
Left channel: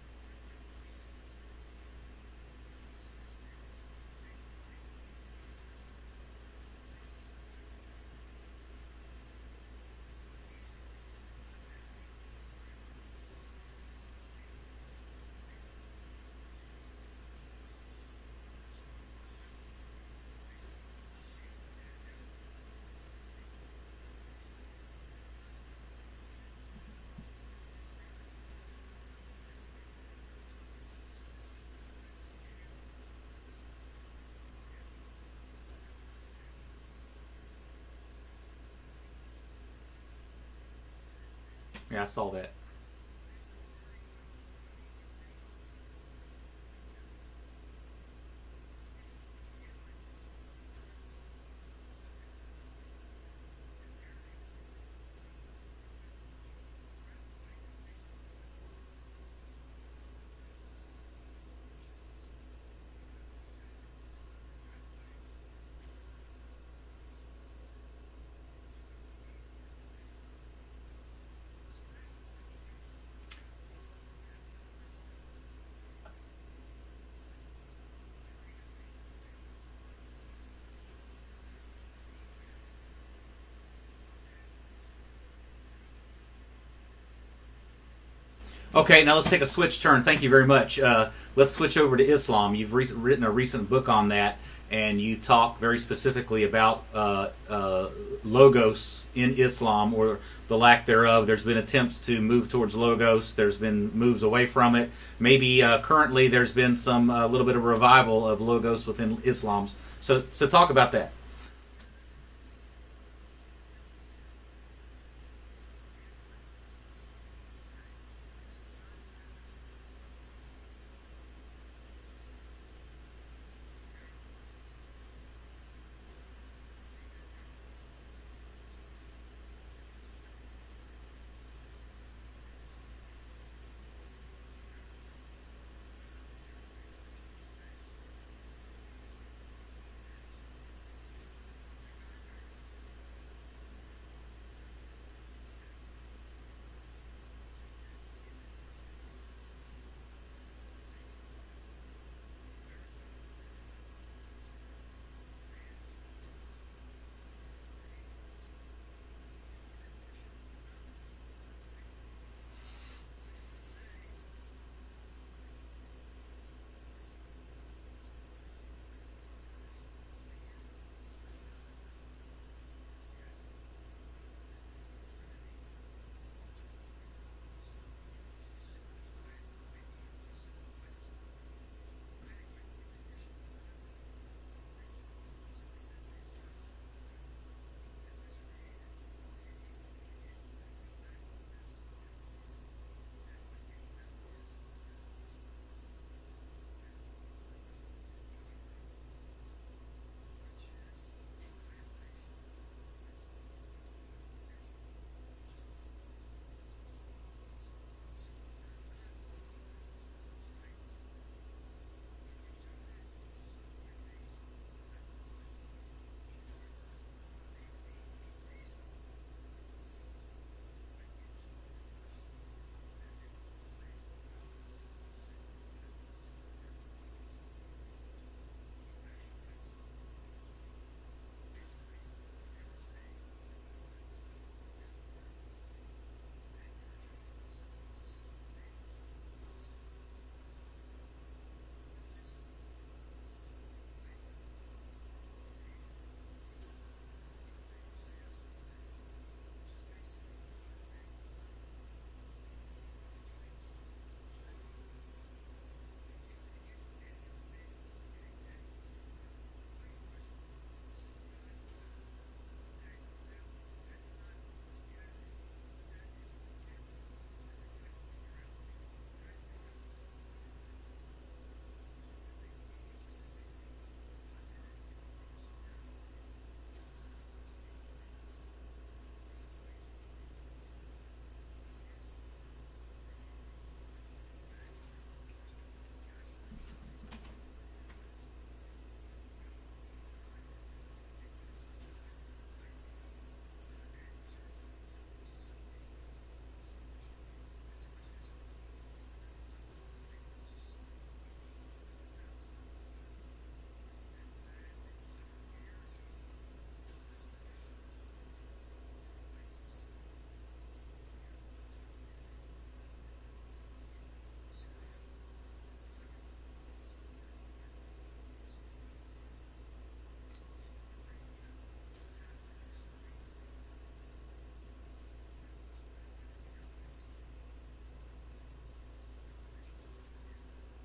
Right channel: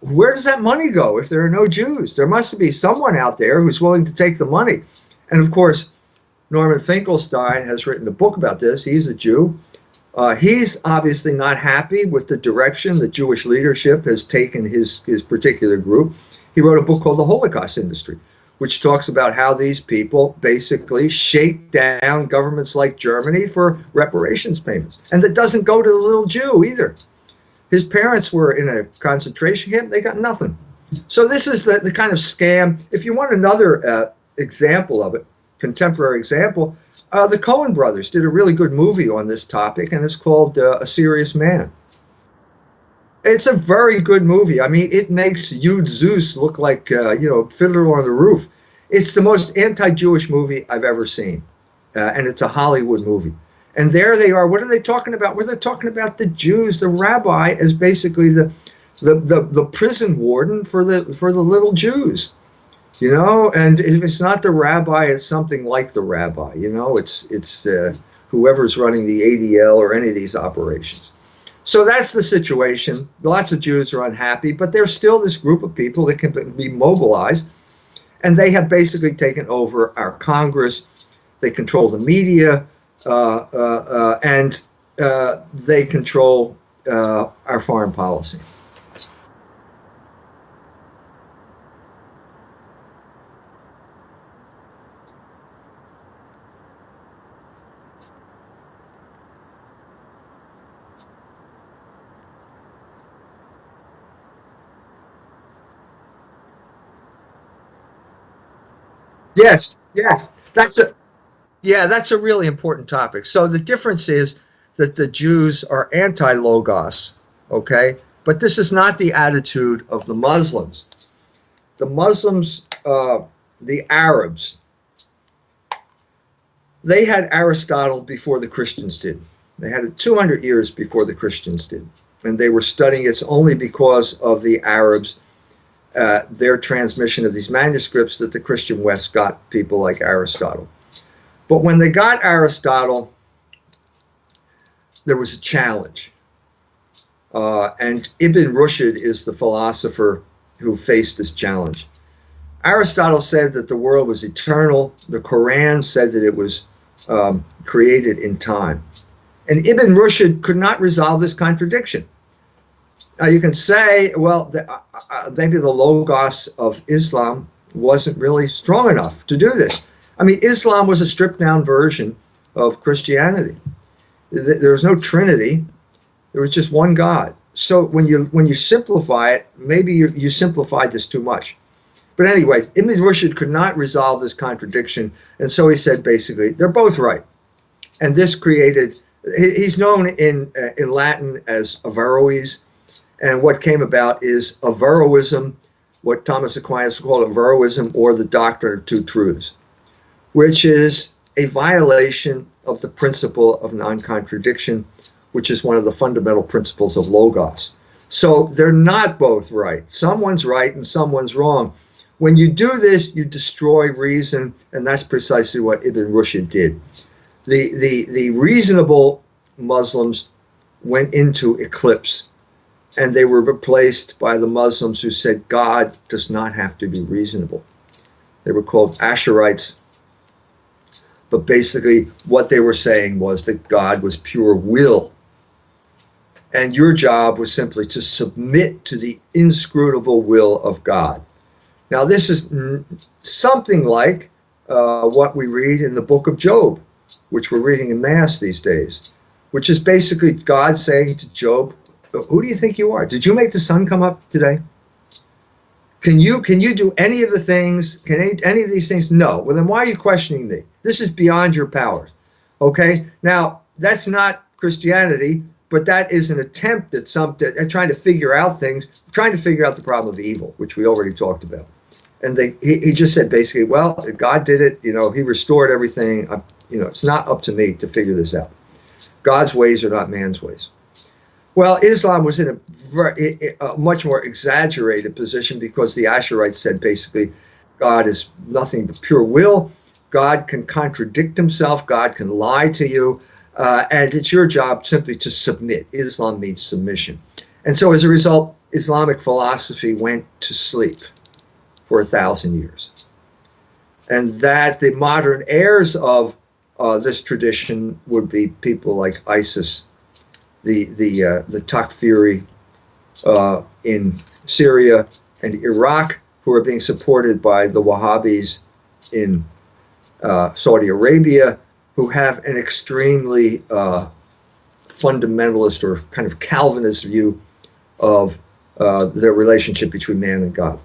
Where does that money go if there are no Jews? There must be someone out there who's willing to take the money. And of course, Norman Finkelstein has written a book about this. He's a Jew. He's obviously not happy with the direction the Jewish leadership has taken his particular group. He wrote a book called The Holocaust Industry, which talks about how these people basically shake down governments like Germany for reparations payments. And that doesn't go to the little Jew either. His parents were in a concentration camp. They got nothing. So this is the kind of scam. If you want another example of it, contemporary example, the Coen brothers did a really good movie on this topic, and it's called A Serious Man. Yeah, I saw that. It's a very good movie. I mean, it makes Yud Zeus look like, Fiddler on the Roof. It's the most anti-Jewish movie I've ever seen, and it's a Hollywood movie. And there they are. What are they talking about? Well, they're talking about the Jews, the rabbi, as basically the prison warden for the little Jews. And if it's not the rabbi, it's something like the rabbi. It's whoever's running the ADL or any of these operations. So that's the situation. Lots of Jews are unhappy, but there's still this group of people that can be mobilized, and they have basically taken over our Congress. They control the media, and they control our foreign policy. Okay, now let's take a switch turn. Thank you very much. Let's switch over to Islam. You've written a recent book on that, and you talk very specifically about logos in Islam, or the lack thereof. There's been attempts to move towards logos. There's been moves away from it. Maybe currently there's been some little bit of revival of logos within Islam. Yes. So talk about that. Yeah, that's a really important topic. So the difference is that the Jews are anti-logos, okay? But this is not the attitude of the Muslims. The Muslims, the Arabs, they had Aristotle before the Christians did. They had it 200 years before the Christians did. And they were studying it only because of the Arabs, their transmission of these manuscripts, that the Christian West got people like Aristotle. But when they got Aristotle, there was a challenge. And Ibn Rushd is the philosopher who faced this challenge. Aristotle said that the world was eternal. The Quran said that it was created in time. And Ibn Rushd could not resolve this contradiction. Now you can say, well, maybe the logos of Islam wasn't really strong enough to do this. I mean, Islam was a stripped down version of Christianity. There was no Trinity. There was just one God. So when you simplify it, maybe you simplified this too much. But anyways, Ibn Rushd could not resolve this contradiction. And so he said, basically, they're both right. And this created, he's known in Latin as Averroes. And what came about is Averroism, what Thomas Aquinas called Averroism, or the doctrine of two truths, which is a violation of the principle of non-contradiction, which is one of the fundamental principles of Logos. So they're not both right. Someone's right and someone's wrong. When you do this, you destroy reason, and that's precisely what Ibn Rushd did. The reasonable Muslims went into eclipse, and they were replaced by the Muslims who said God does not have to be reasonable. They were called Asherites, but basically what they were saying was that God was pure will. And your job was simply to submit to the inscrutable will of God. Now, this is something like what we read in the book of Job, which we're reading in Mass these days, which is basically God saying to Job, who do you think you are? Did you make the sun come up today? Can you do any of the things? Can any of these things? No. Well, then why are you questioning me? This is beyond your powers. Okay? Now, that's not Christianity, but that is an attempt at trying to figure out things, trying to figure out the problem of evil, which we already talked about. And he just said basically, well, God did it. He restored everything. It's not up to me to figure this out. God's ways are not man's ways. Well, Islam was in a much more exaggerated position because the Asherites said basically God is nothing but pure will. God can contradict himself. God can lie to you. And it's your job simply to submit. Islam means submission. And so as a result, Islamic philosophy went to sleep for 1,000 years. And that the modern heirs of this tradition would be people like ISIS, the Takfiri in Syria and Iraq, who are being supported by the Wahhabis in Saudi Arabia, who have an extremely fundamentalist or kind of Calvinist view of their relationship between man and God.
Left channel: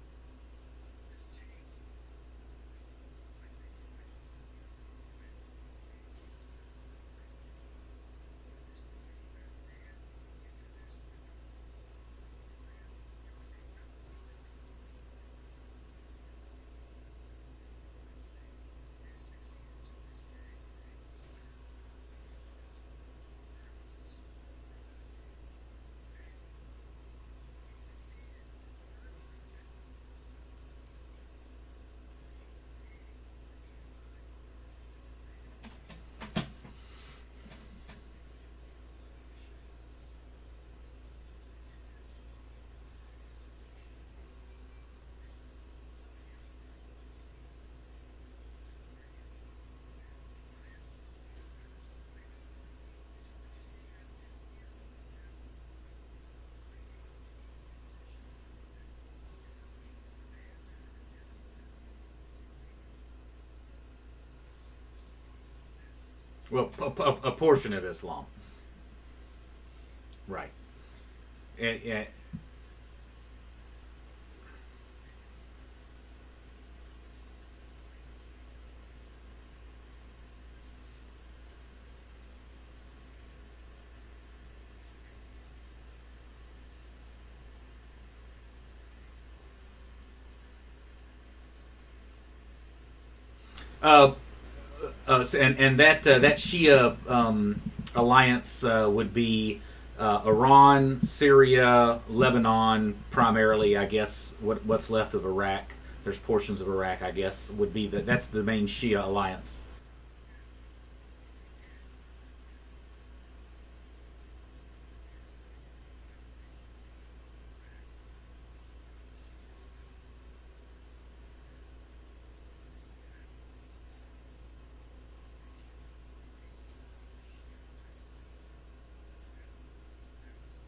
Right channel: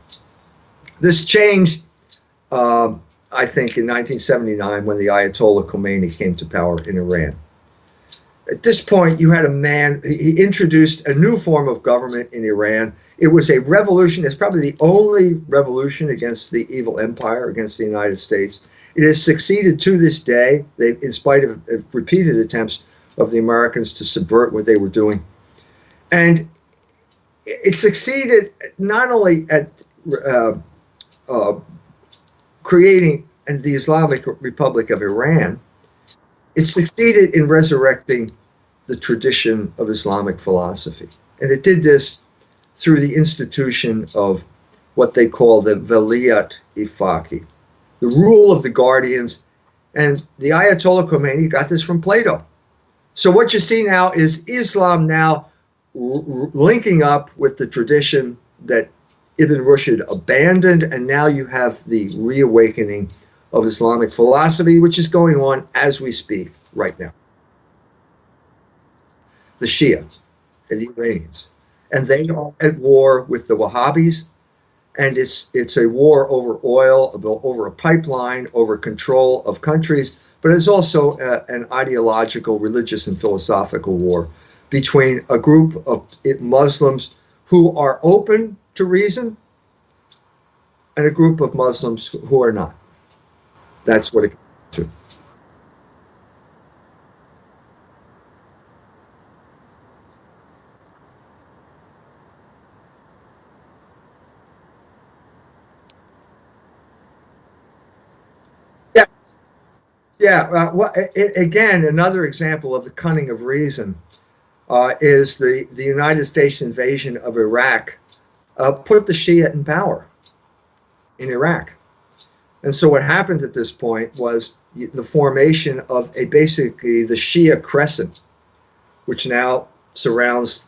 This changed, I think, in 1979 when the Ayatollah Khomeini came to power in Iran. At this point, you had a man, he introduced a new form of government in Iran. It was a revolution. It's probably the only revolution against the evil empire, against the United States. It has succeeded to this day, in spite of repeated attempts of the Americans to subvert what they were doing. And it succeeded not only at creating the Islamic Republic of Iran, it succeeded in resurrecting the tradition of Islamic philosophy. And it did this through the institution of what they call the Veliyat-i-Faqih, the rule of the guardians. And the Ayatollah Khomeini got this from Plato. So what you see now is Islam now linking up with the tradition that Ibn Rushd abandoned, and now you have the reawakening of Islamic philosophy, which is going on as we speak right now. A portion of Islam. The Shia, right, and the Iranians. And they are at war with the Wahhabis, and it's a war over oil, over a pipeline, over control of countries, but it's also an ideological, religious, and philosophical war between a group of Muslims who are open to reason and a group of Muslims who are not. That's what it comes to. And that Shia alliance would be Iran, Syria, Lebanon, primarily, I guess. What's left of Iraq? There's portions of Iraq, I guess, would be that's the main Shia alliance. Yeah. Again, another example of the cunning of reason is the United States invasion of Iraq put the Shia in power in Iraq. And so what happened at this point was the formation of basically the Shia crescent, which now surrounds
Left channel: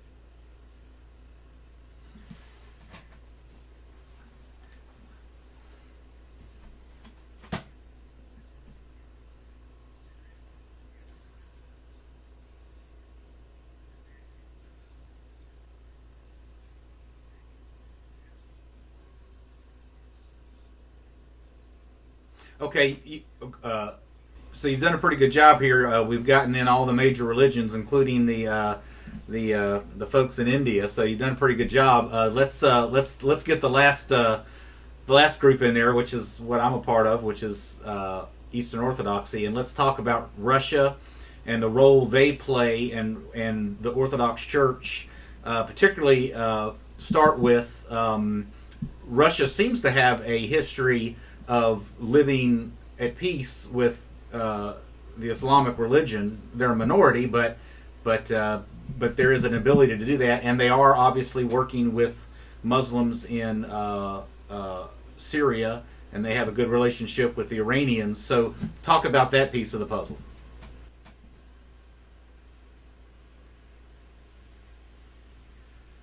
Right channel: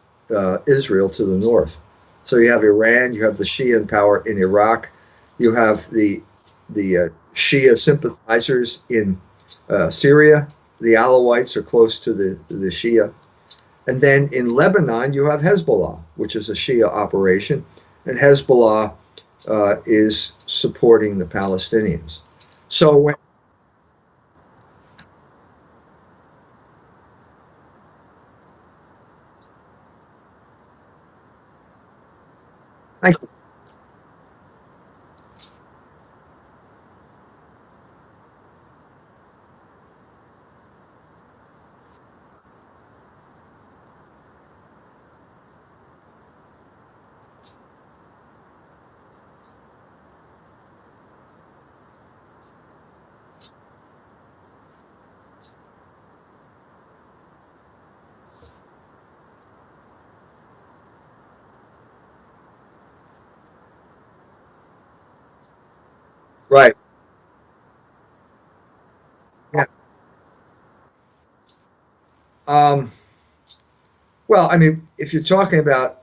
Israel to the north. So you have Iran, you have the Shia in power in Iraq, you have the Shia sympathizers in Syria. The Alawites are close to the Shia. And then in Lebanon, you have Hezbollah, which is a Shia operation, and Hezbollah is supporting the Palestinians. Okay. So you've done a pretty good job here. We've gotten in all the major religions, including the folks in India. So you've done a pretty good job. Let's get the last group in there, which is what I'm a part of, which is Eastern Orthodoxy, and let's talk about Russia and the role they play and the Orthodox Church, particularly start with Russia seems to have a history of living at peace with the Islamic religion. They're a minority, but there is an ability to do that, and they are obviously working with Muslims in Syria, and they have a good relationship with the Iranians. So, talk about that piece of the puzzle. Well, I mean, if you're talking about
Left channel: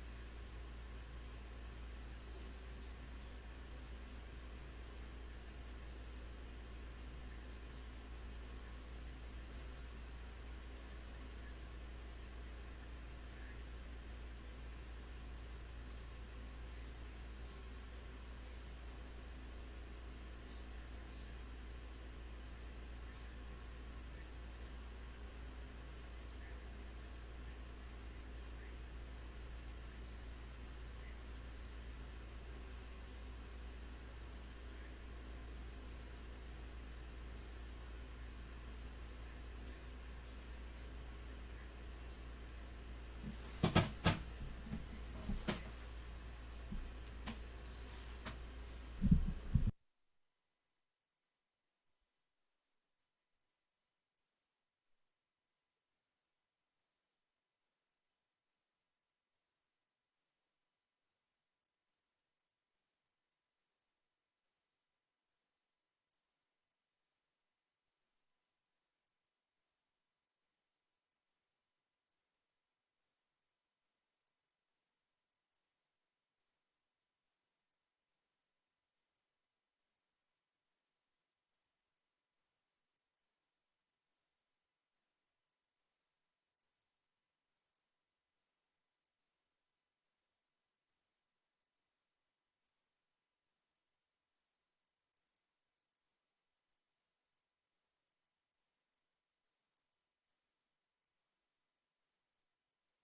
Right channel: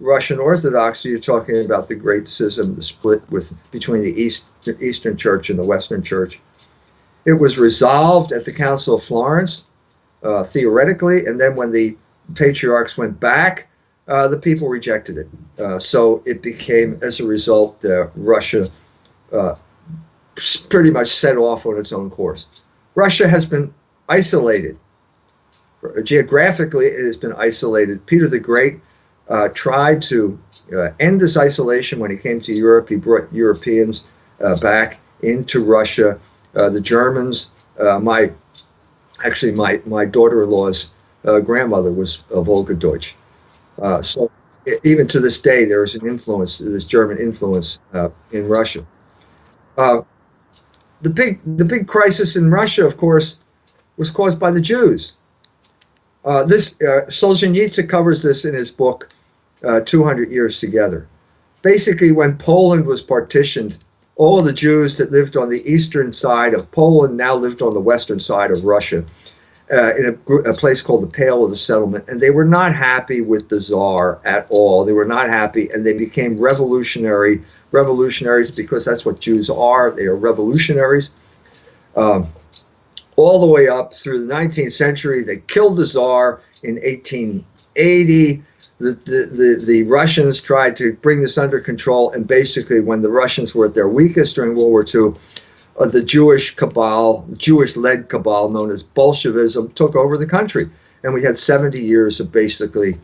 Russian Orthodoxy, you're talking about the Great Schism, the split between the Eastern Church and the Western Church. It was resolved at the Council of Florence, theoretically, and then when the patriarchs went back, the people rejected it. So it became, as a result, Russia pretty much set off on its own course. Russia has been isolated. Geographically, it has been isolated. Peter the Great tried to end this isolation when he came to Europe. He brought Europeans back into Russia. The Germans, my daughter-in-law's grandmother was Volga Deutsch. So even to this day, there is an influence, this German influence in Russia. The big crisis in Russia, of course, was caused by the Jews. Solzhenitsyn covers this in his book, 200 Years Together. Basically, when Poland was partitioned, all of the Jews that lived on the eastern side of Poland now lived on the western side of Russia, in a place called the Pale of the Settlement, and they were not happy with the Tsar at all. They were not happy, and they became revolutionaries because that's what Jews are. They are revolutionaries. All the way up through the 19th century. They killed the Tsar in 1880. The Russians tried to bring this under control, and basically when the Russians were at their weakest during World War II, the Jewish cabal, Jewish-led cabal known as Bolshevism, took over the country. And we had 70 years of basically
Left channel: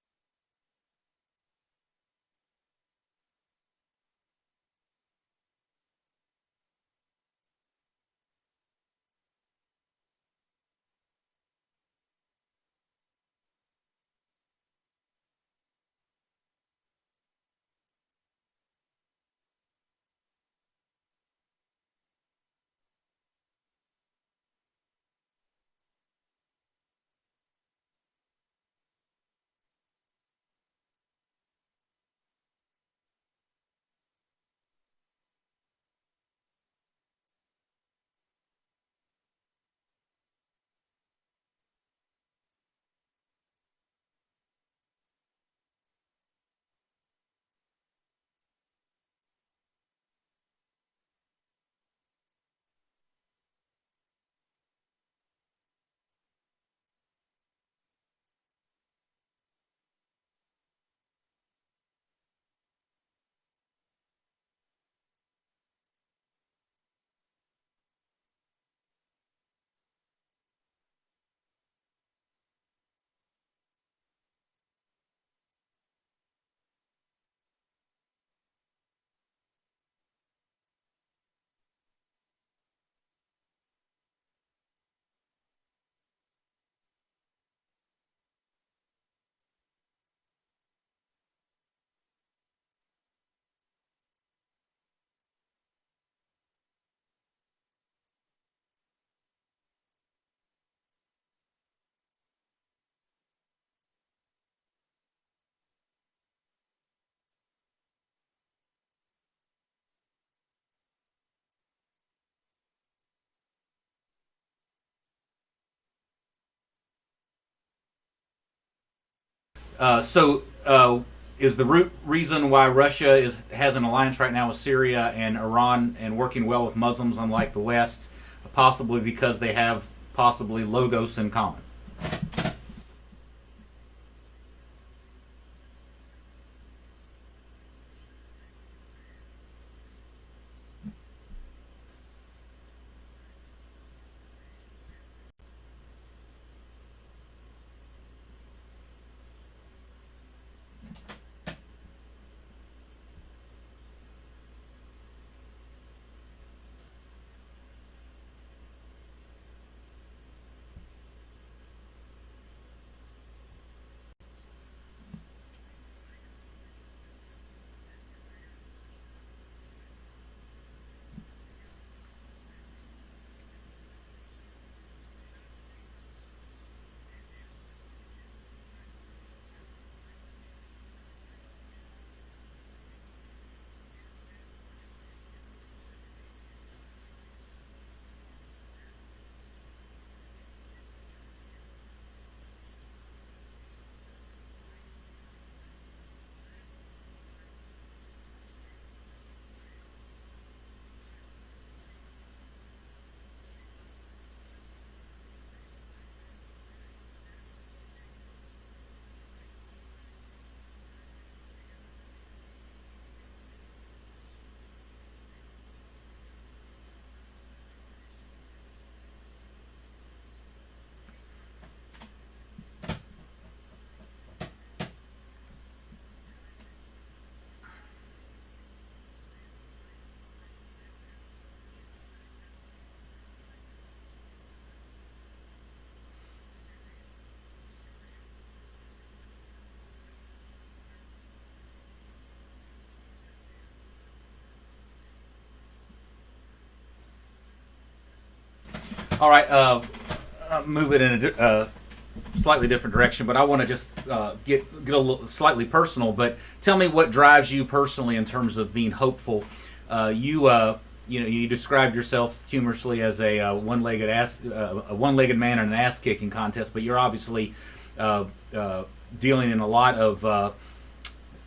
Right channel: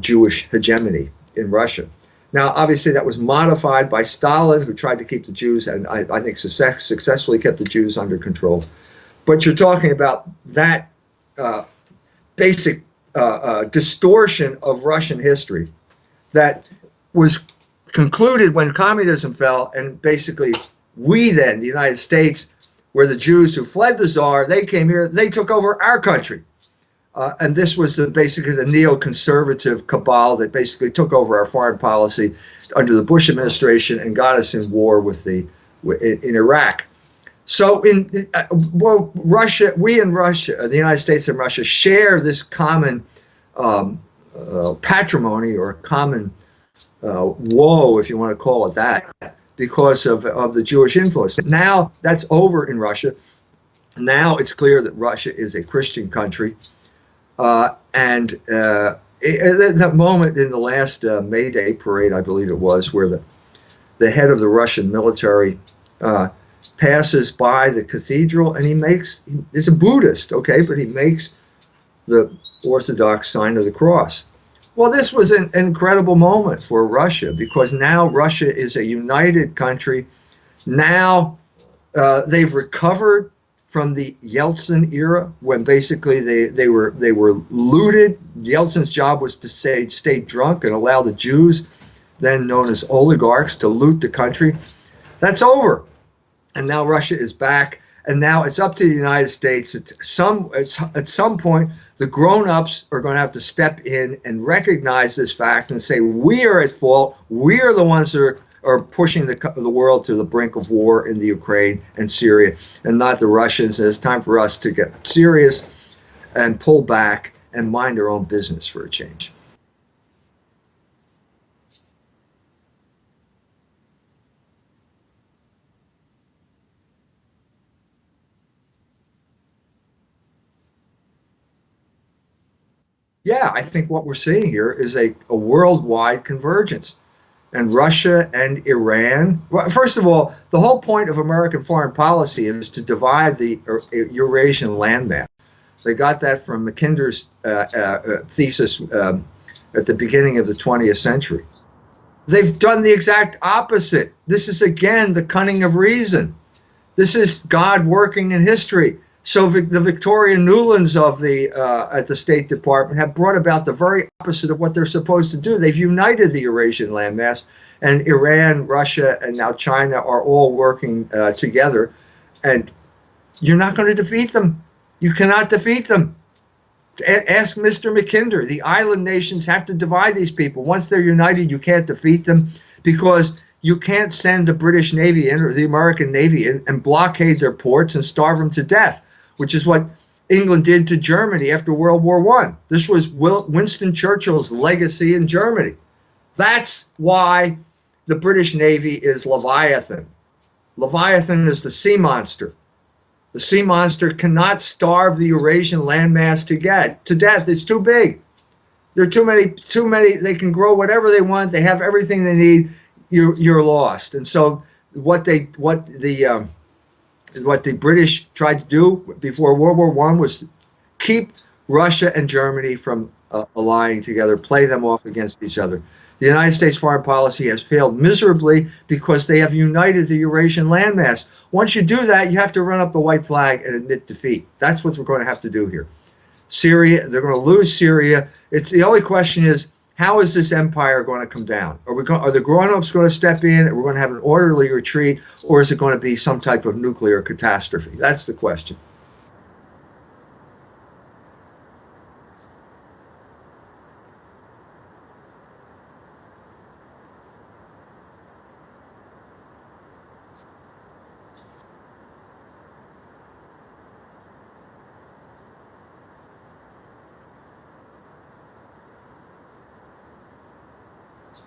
Jewish hegemony in Russia. Now, obviously, that was modified by Stalin, who tried to keep the Jews, and I think successfully kept the Jews under control. But you're talking about that basic distortion of Russian history that was concluded when communism fell, and basically we then, the United States, were the Jews who fled the Tsar. They came here, they took over our country. And this was basically the neoconservative cabal that basically took over our foreign policy under the Bush administration and got us in war in Iraq. So Russia, the United States and Russia share this common patrimony or common woe, if you want to call it that, because of the Jewish influence. Now that's over in Russia. Now it's clear that Russia is a Christian country. And at that moment in the last May Day parade, I believe it was, where the head of the Russian military passes by the cathedral, and he's a Buddhist, okay, but he makes the Orthodox sign of the cross. Well, this was an incredible moment for Russia, because now Russia is a united country. Now they've recovered from the Yeltsin era, when basically they were looted. Yeltsin's job was to stay drunk and allow the Jews, then known as oligarchs, to loot the country. That's over. And now Russia is back, and now it's up to the United States. At some point, the grown-ups are going to have to step in and recognize this fact and say, we are at fault. We are the ones that are pushing the world to the brink of war in the Ukraine and Syria, and not the Russians. And it's time for us to get serious and pull back and mind our own business for a change. Is the root reason why Russia has an alliance right now with Syria and Iran and working well with Muslims, unlike the West, possibly because they have possibly Logos in common? Yeah, I think what we're seeing here is a worldwide convergence. And Russia and Iran, well, first of all, the whole point of American foreign policy is to divide the Eurasian landmass. They got that from Mackinder's thesis at the beginning of the 20th century. They've done the exact opposite. This is, again, the cunning of reason. This is God working in history. So the Victoria Newlands of at the State Department have brought about the very opposite of what they're supposed to do. They've united the Eurasian landmass, And Iran, Russia, and now China are all working together. And you're not going to defeat them. You cannot defeat them. Ask Mr. McKinder. The island nations have to divide these people. Once they're united, you can't defeat them, because you can't send the British Navy in or the American Navy in and blockade their ports and starve them to death, which is what England did to Germany after World War I. This was Winston Churchill's legacy in Germany. That's why the British Navy is Leviathan. Leviathan is the sea monster. The sea monster cannot starve the Eurasian landmass to death. It's too big. There are too many. They can grow whatever they want. They have everything they need. You're lost. And so what the British tried to do before World War I was keep Russia and Germany from allying together, play them off against each other. The United States foreign policy has failed miserably because they have united the Eurasian landmass. Once you do that, you have to run up the white flag and admit defeat. That's what we're going to have to do here. Syria, they're going to lose Syria. It's the only question is, how is this empire going to come down? Are the grown-ups going to step in and we're going to have an orderly retreat, or is it going to be some type of nuclear catastrophe? That's the question. All right, move it in a slightly different direction, but I want to just get a little slightly personal. But tell me what drives you personally in terms of being hopeful. You described yourself humorously as a one-legged man in an ass-kicking contest, but you're obviously dealing in a lot of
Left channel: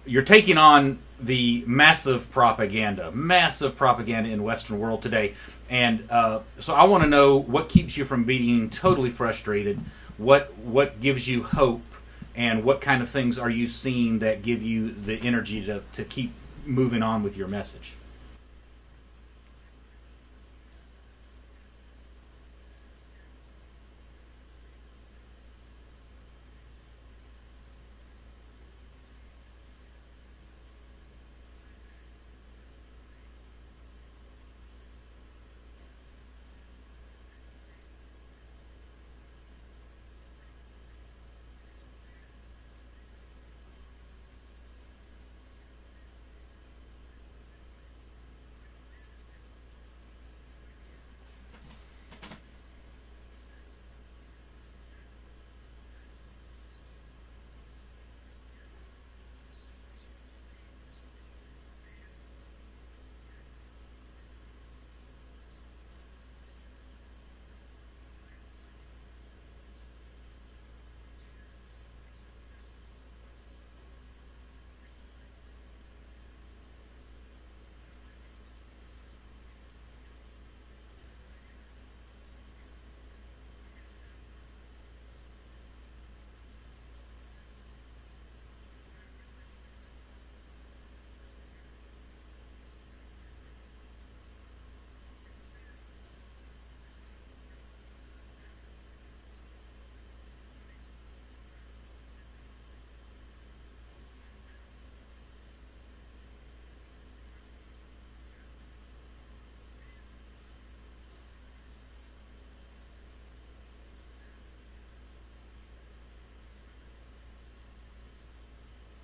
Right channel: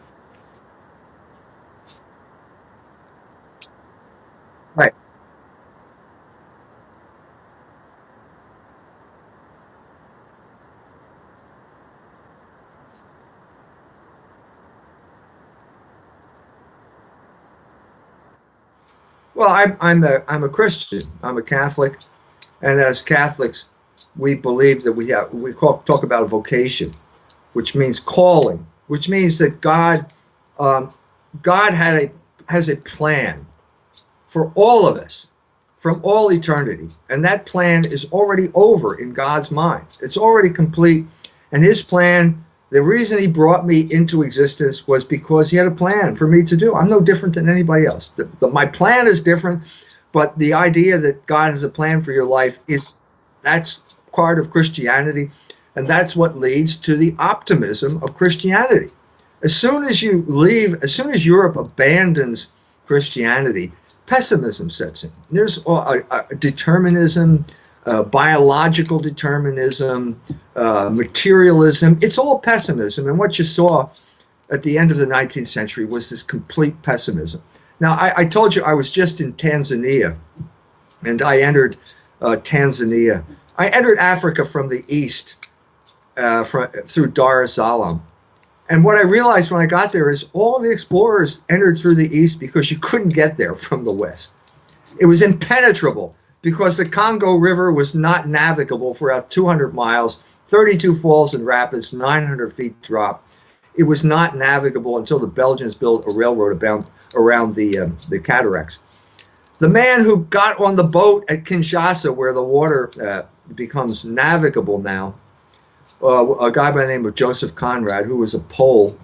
you're taking on the massive propaganda in the Western world today, and so I want to know what keeps you from being totally frustrated. What gives you hope, and what kind of things are you seeing that give you the energy to keep moving on with your message? Well, I'm a Christian. I'm a Catholic, and as Catholics, we believe that we talk about a vocation, which means calling, which means that God has a plan for all of us from all eternity, and that plan is already over in God's mind. It's already complete, and his plan, the reason he brought me into existence was because he had a plan for me to do. I'm no different than anybody else. My plan is different, but the idea that God has a plan for your life that's part of Christianity, and that's what leads to the optimism of Christianity. As soon as Europe abandons Christianity, pessimism sets in. There's determinism, biological determinism, materialism. It's all pessimism. And what you saw at the end of the 19th century was this complete pessimism. Now, I told you I was just in Tanzania, and I entered Tanzania. I entered Africa from the east through Dar es Salaam. And what I realized when I got there is all the explorers entered through the east because you couldn't get there from the west. It was impenetrable because the Congo River was not navigable for about 200 miles, 32 falls and rapids, 900 feet drop. It was not navigable until the Belgians built a railroad around the cataracts. The man who got on the boat at Kinshasa, where the water becomes navigable now, a guy by the name of Joseph Conrad, who was a Pole,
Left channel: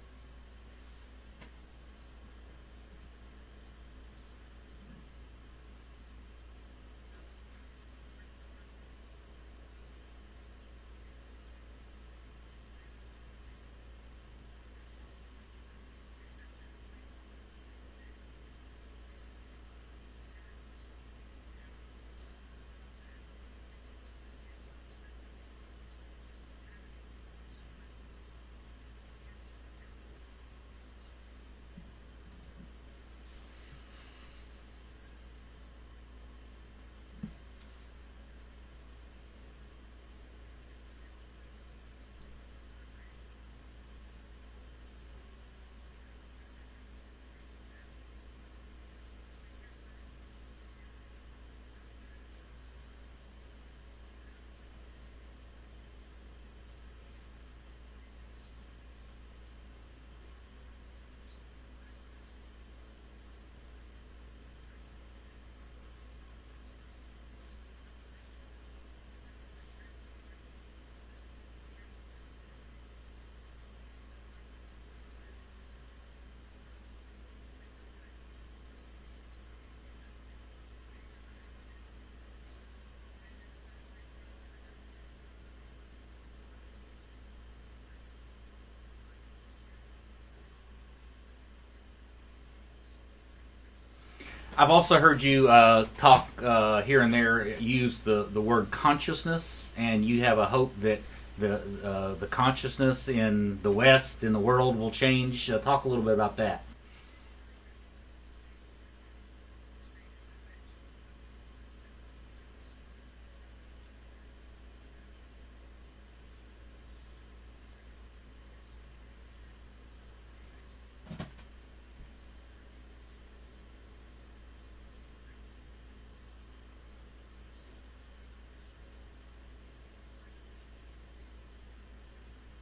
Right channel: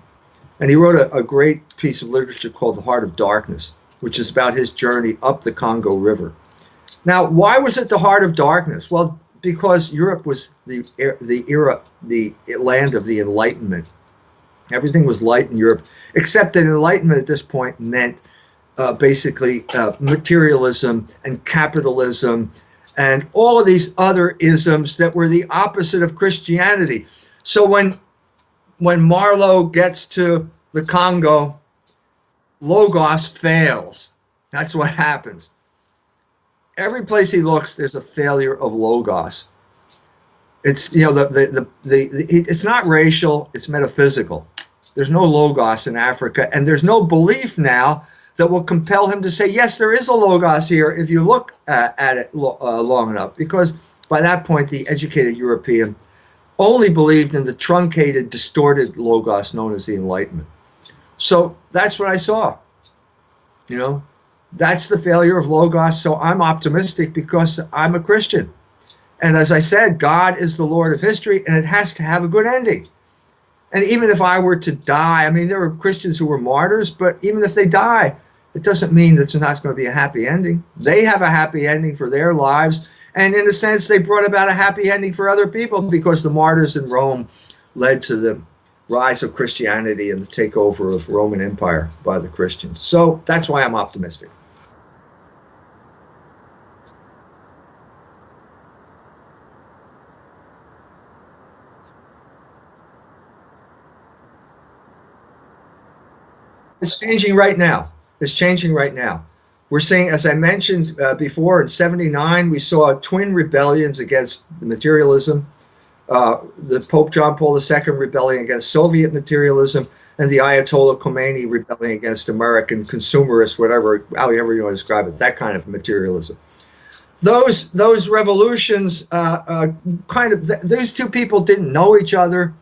and he wrote a great piece of literature called The Heart of Darkness, which is about his journey up the Congo River. Now, why was it the heart of darkness? Well, because Europe was the land of the Enlightenment. Everything was light in Europe, except that Enlightenment at this point meant basically materialism and capitalism and all of these other isms that were the opposite of Christianity. So when Marlowe gets to the Congo, Logos fails. That's what happens. Every place he looks, there's a failure of Logos. It's it's not racial, it's metaphysical. There's no Logos in Africa, and there's no belief now that will compel him to say, yes, there is a Logos here if you look at it long enough. Because by that point, the educated European only believed in the truncated, distorted Logos known as the Enlightenment. So that's what I saw. That's the failure of Logos. So I'm optimistic because I'm a Christian. And as I said, God is the Lord of history, and it has to have a good ending. And even if I were to die, I mean, there were Christians who were martyrs, but even if they die, it doesn't mean that it's not going to be a happy ending. They have a happy ending for their lives. And in a sense, they brought about a happy ending for other people because the martyrs in Rome led to the rise of Christianity and the takeover of Roman Empire by the Christians. So that's why I'm optimistic. I've also heard you talk here and there, use the word consciousness, and you have a hope that the consciousness in the West, in the world, will change. Talk a little bit about that. It's changing right now. It's changing right now. We're seeing, as I mentioned before, in '79, we saw twin rebellions against materialism. The Pope John Paul II rebelling against Soviet materialism, and the Ayatollah Khomeini rebelling against American consumerist, however you want to describe it, that kind of materialism. Those revolutions, those two people didn't know each other.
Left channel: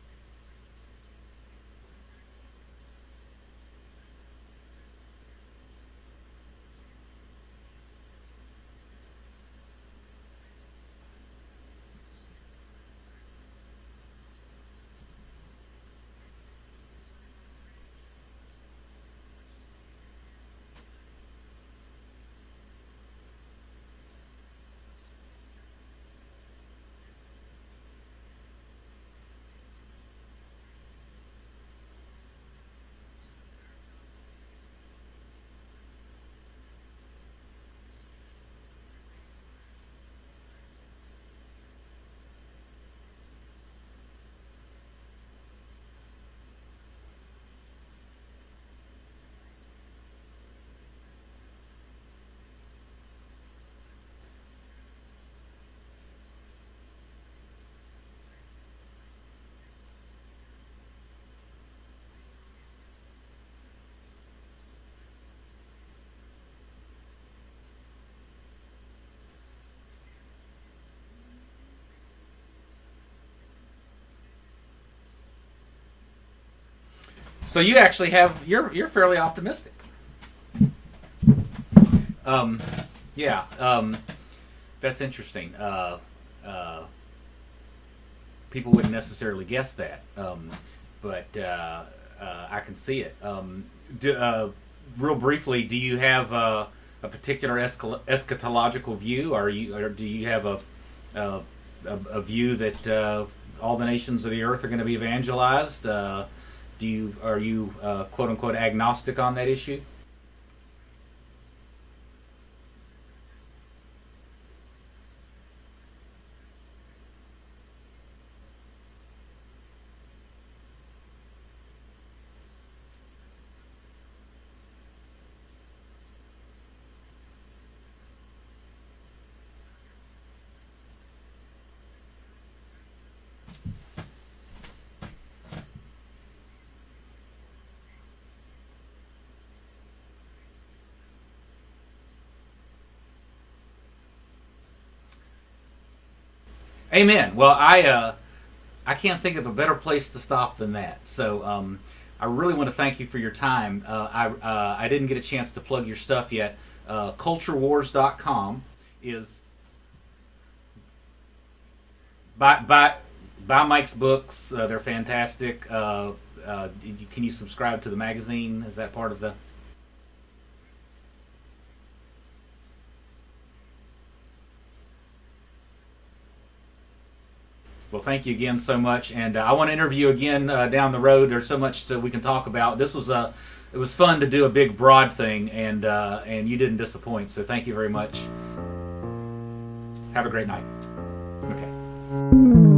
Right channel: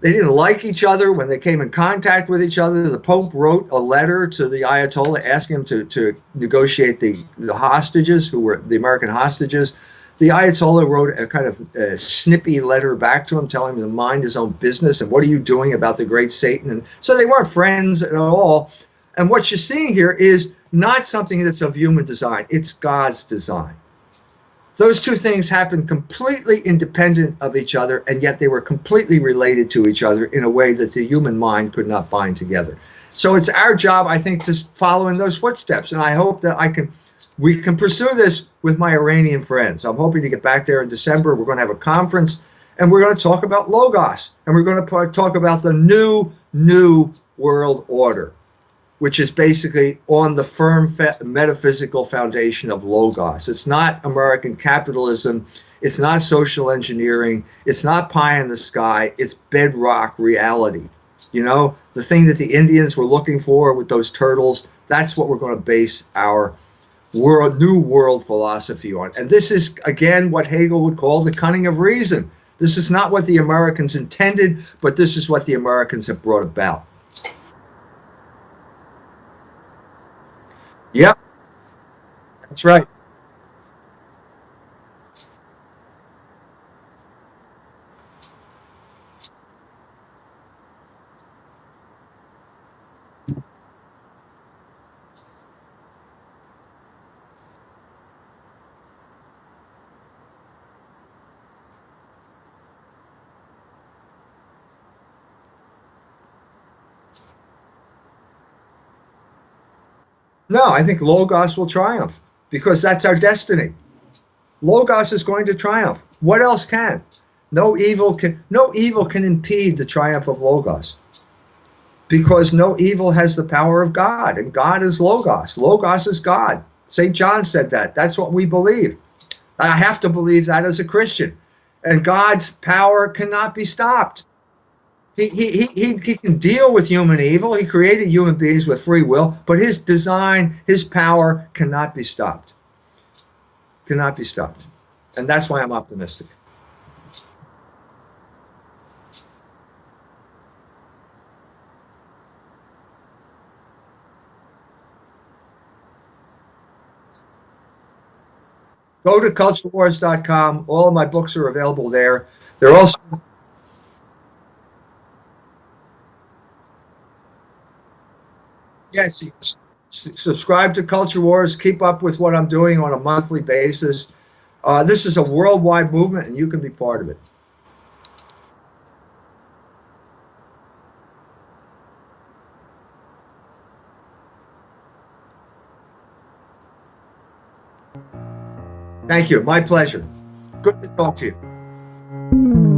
They didn't like each other when they came in contact with each other. The Pope wrote a letter to the Ayatollah asking him to negotiate the hostages, who were the American hostages. The Ayatollah wrote a kind of snippy letter back to him, telling him to mind his own business and what are you doing about the great Satan. And so they weren't friends at all. And what you're seeing here is not something that's of human design. It's God's design. Those two things happened completely independent of each other, and yet they were completely related to each other in a way that the human mind could not bind together. So it's our job, I think, to follow in those footsteps. And I hope that we can pursue this with my Iranian friends. I'm hoping to get back there in December. We're going to have a conference, and we're going to talk about Logos, and we're going to talk about the new world order, which is basically on the firm metaphysical foundation of Logos. It's not American capitalism. It's not social engineering. It's not pie in the sky. It's bedrock reality. You know, the thing that the Indians were looking for with those turtles, that's what we're going to base our new world philosophy on. And this is, again, what Hegel would call the cunning of reason. This is not what the Americans intended, but this is what the Americans have brought about. So you actually you're fairly optimistic. Yep. That's right. Yeah. That's interesting. People wouldn't necessarily guess that, but I can see it. Real briefly, do you have a particular eschatological view, or do you have a view that all the nations of the earth are going to be evangelized? Are you quote unquote agnostic on that issue? No, I think Logos will triumph because that's our destiny. Logos is going to triumph. What else can? No evil can impede the triumph of Logos, because no evil has the power of God, and God is Logos. Logos is God. St. John said that. That's what we believe. I have to believe that as a Christian. And God's power cannot be stopped. He can deal with human evil. He created human beings with free will, but his design, his power cannot be stopped. Cannot be stopped. And that's why I'm optimistic. Amen. Well, I can't think of a better place to stop than that. So I really want to thank you for your time. I didn't get a chance to plug your stuff yet. CultureWars.com. Go to CultureWars.com. All of my books are available there. Buy Mike's books. They're fantastic. Can you subscribe to the magazine? Is that yes? Subscribe to Culture Wars. Keep up with what I'm doing on a monthly basis. This is a worldwide movement, and you can be part of it. Well, thank you again so much, and I want to interview again down the road. There's so much we can talk about. It was fun to do a big, broad thing, and you didn't disappoint. So thank you very much. Thank you. My pleasure. Have a great night. Good to talk to you. Okay.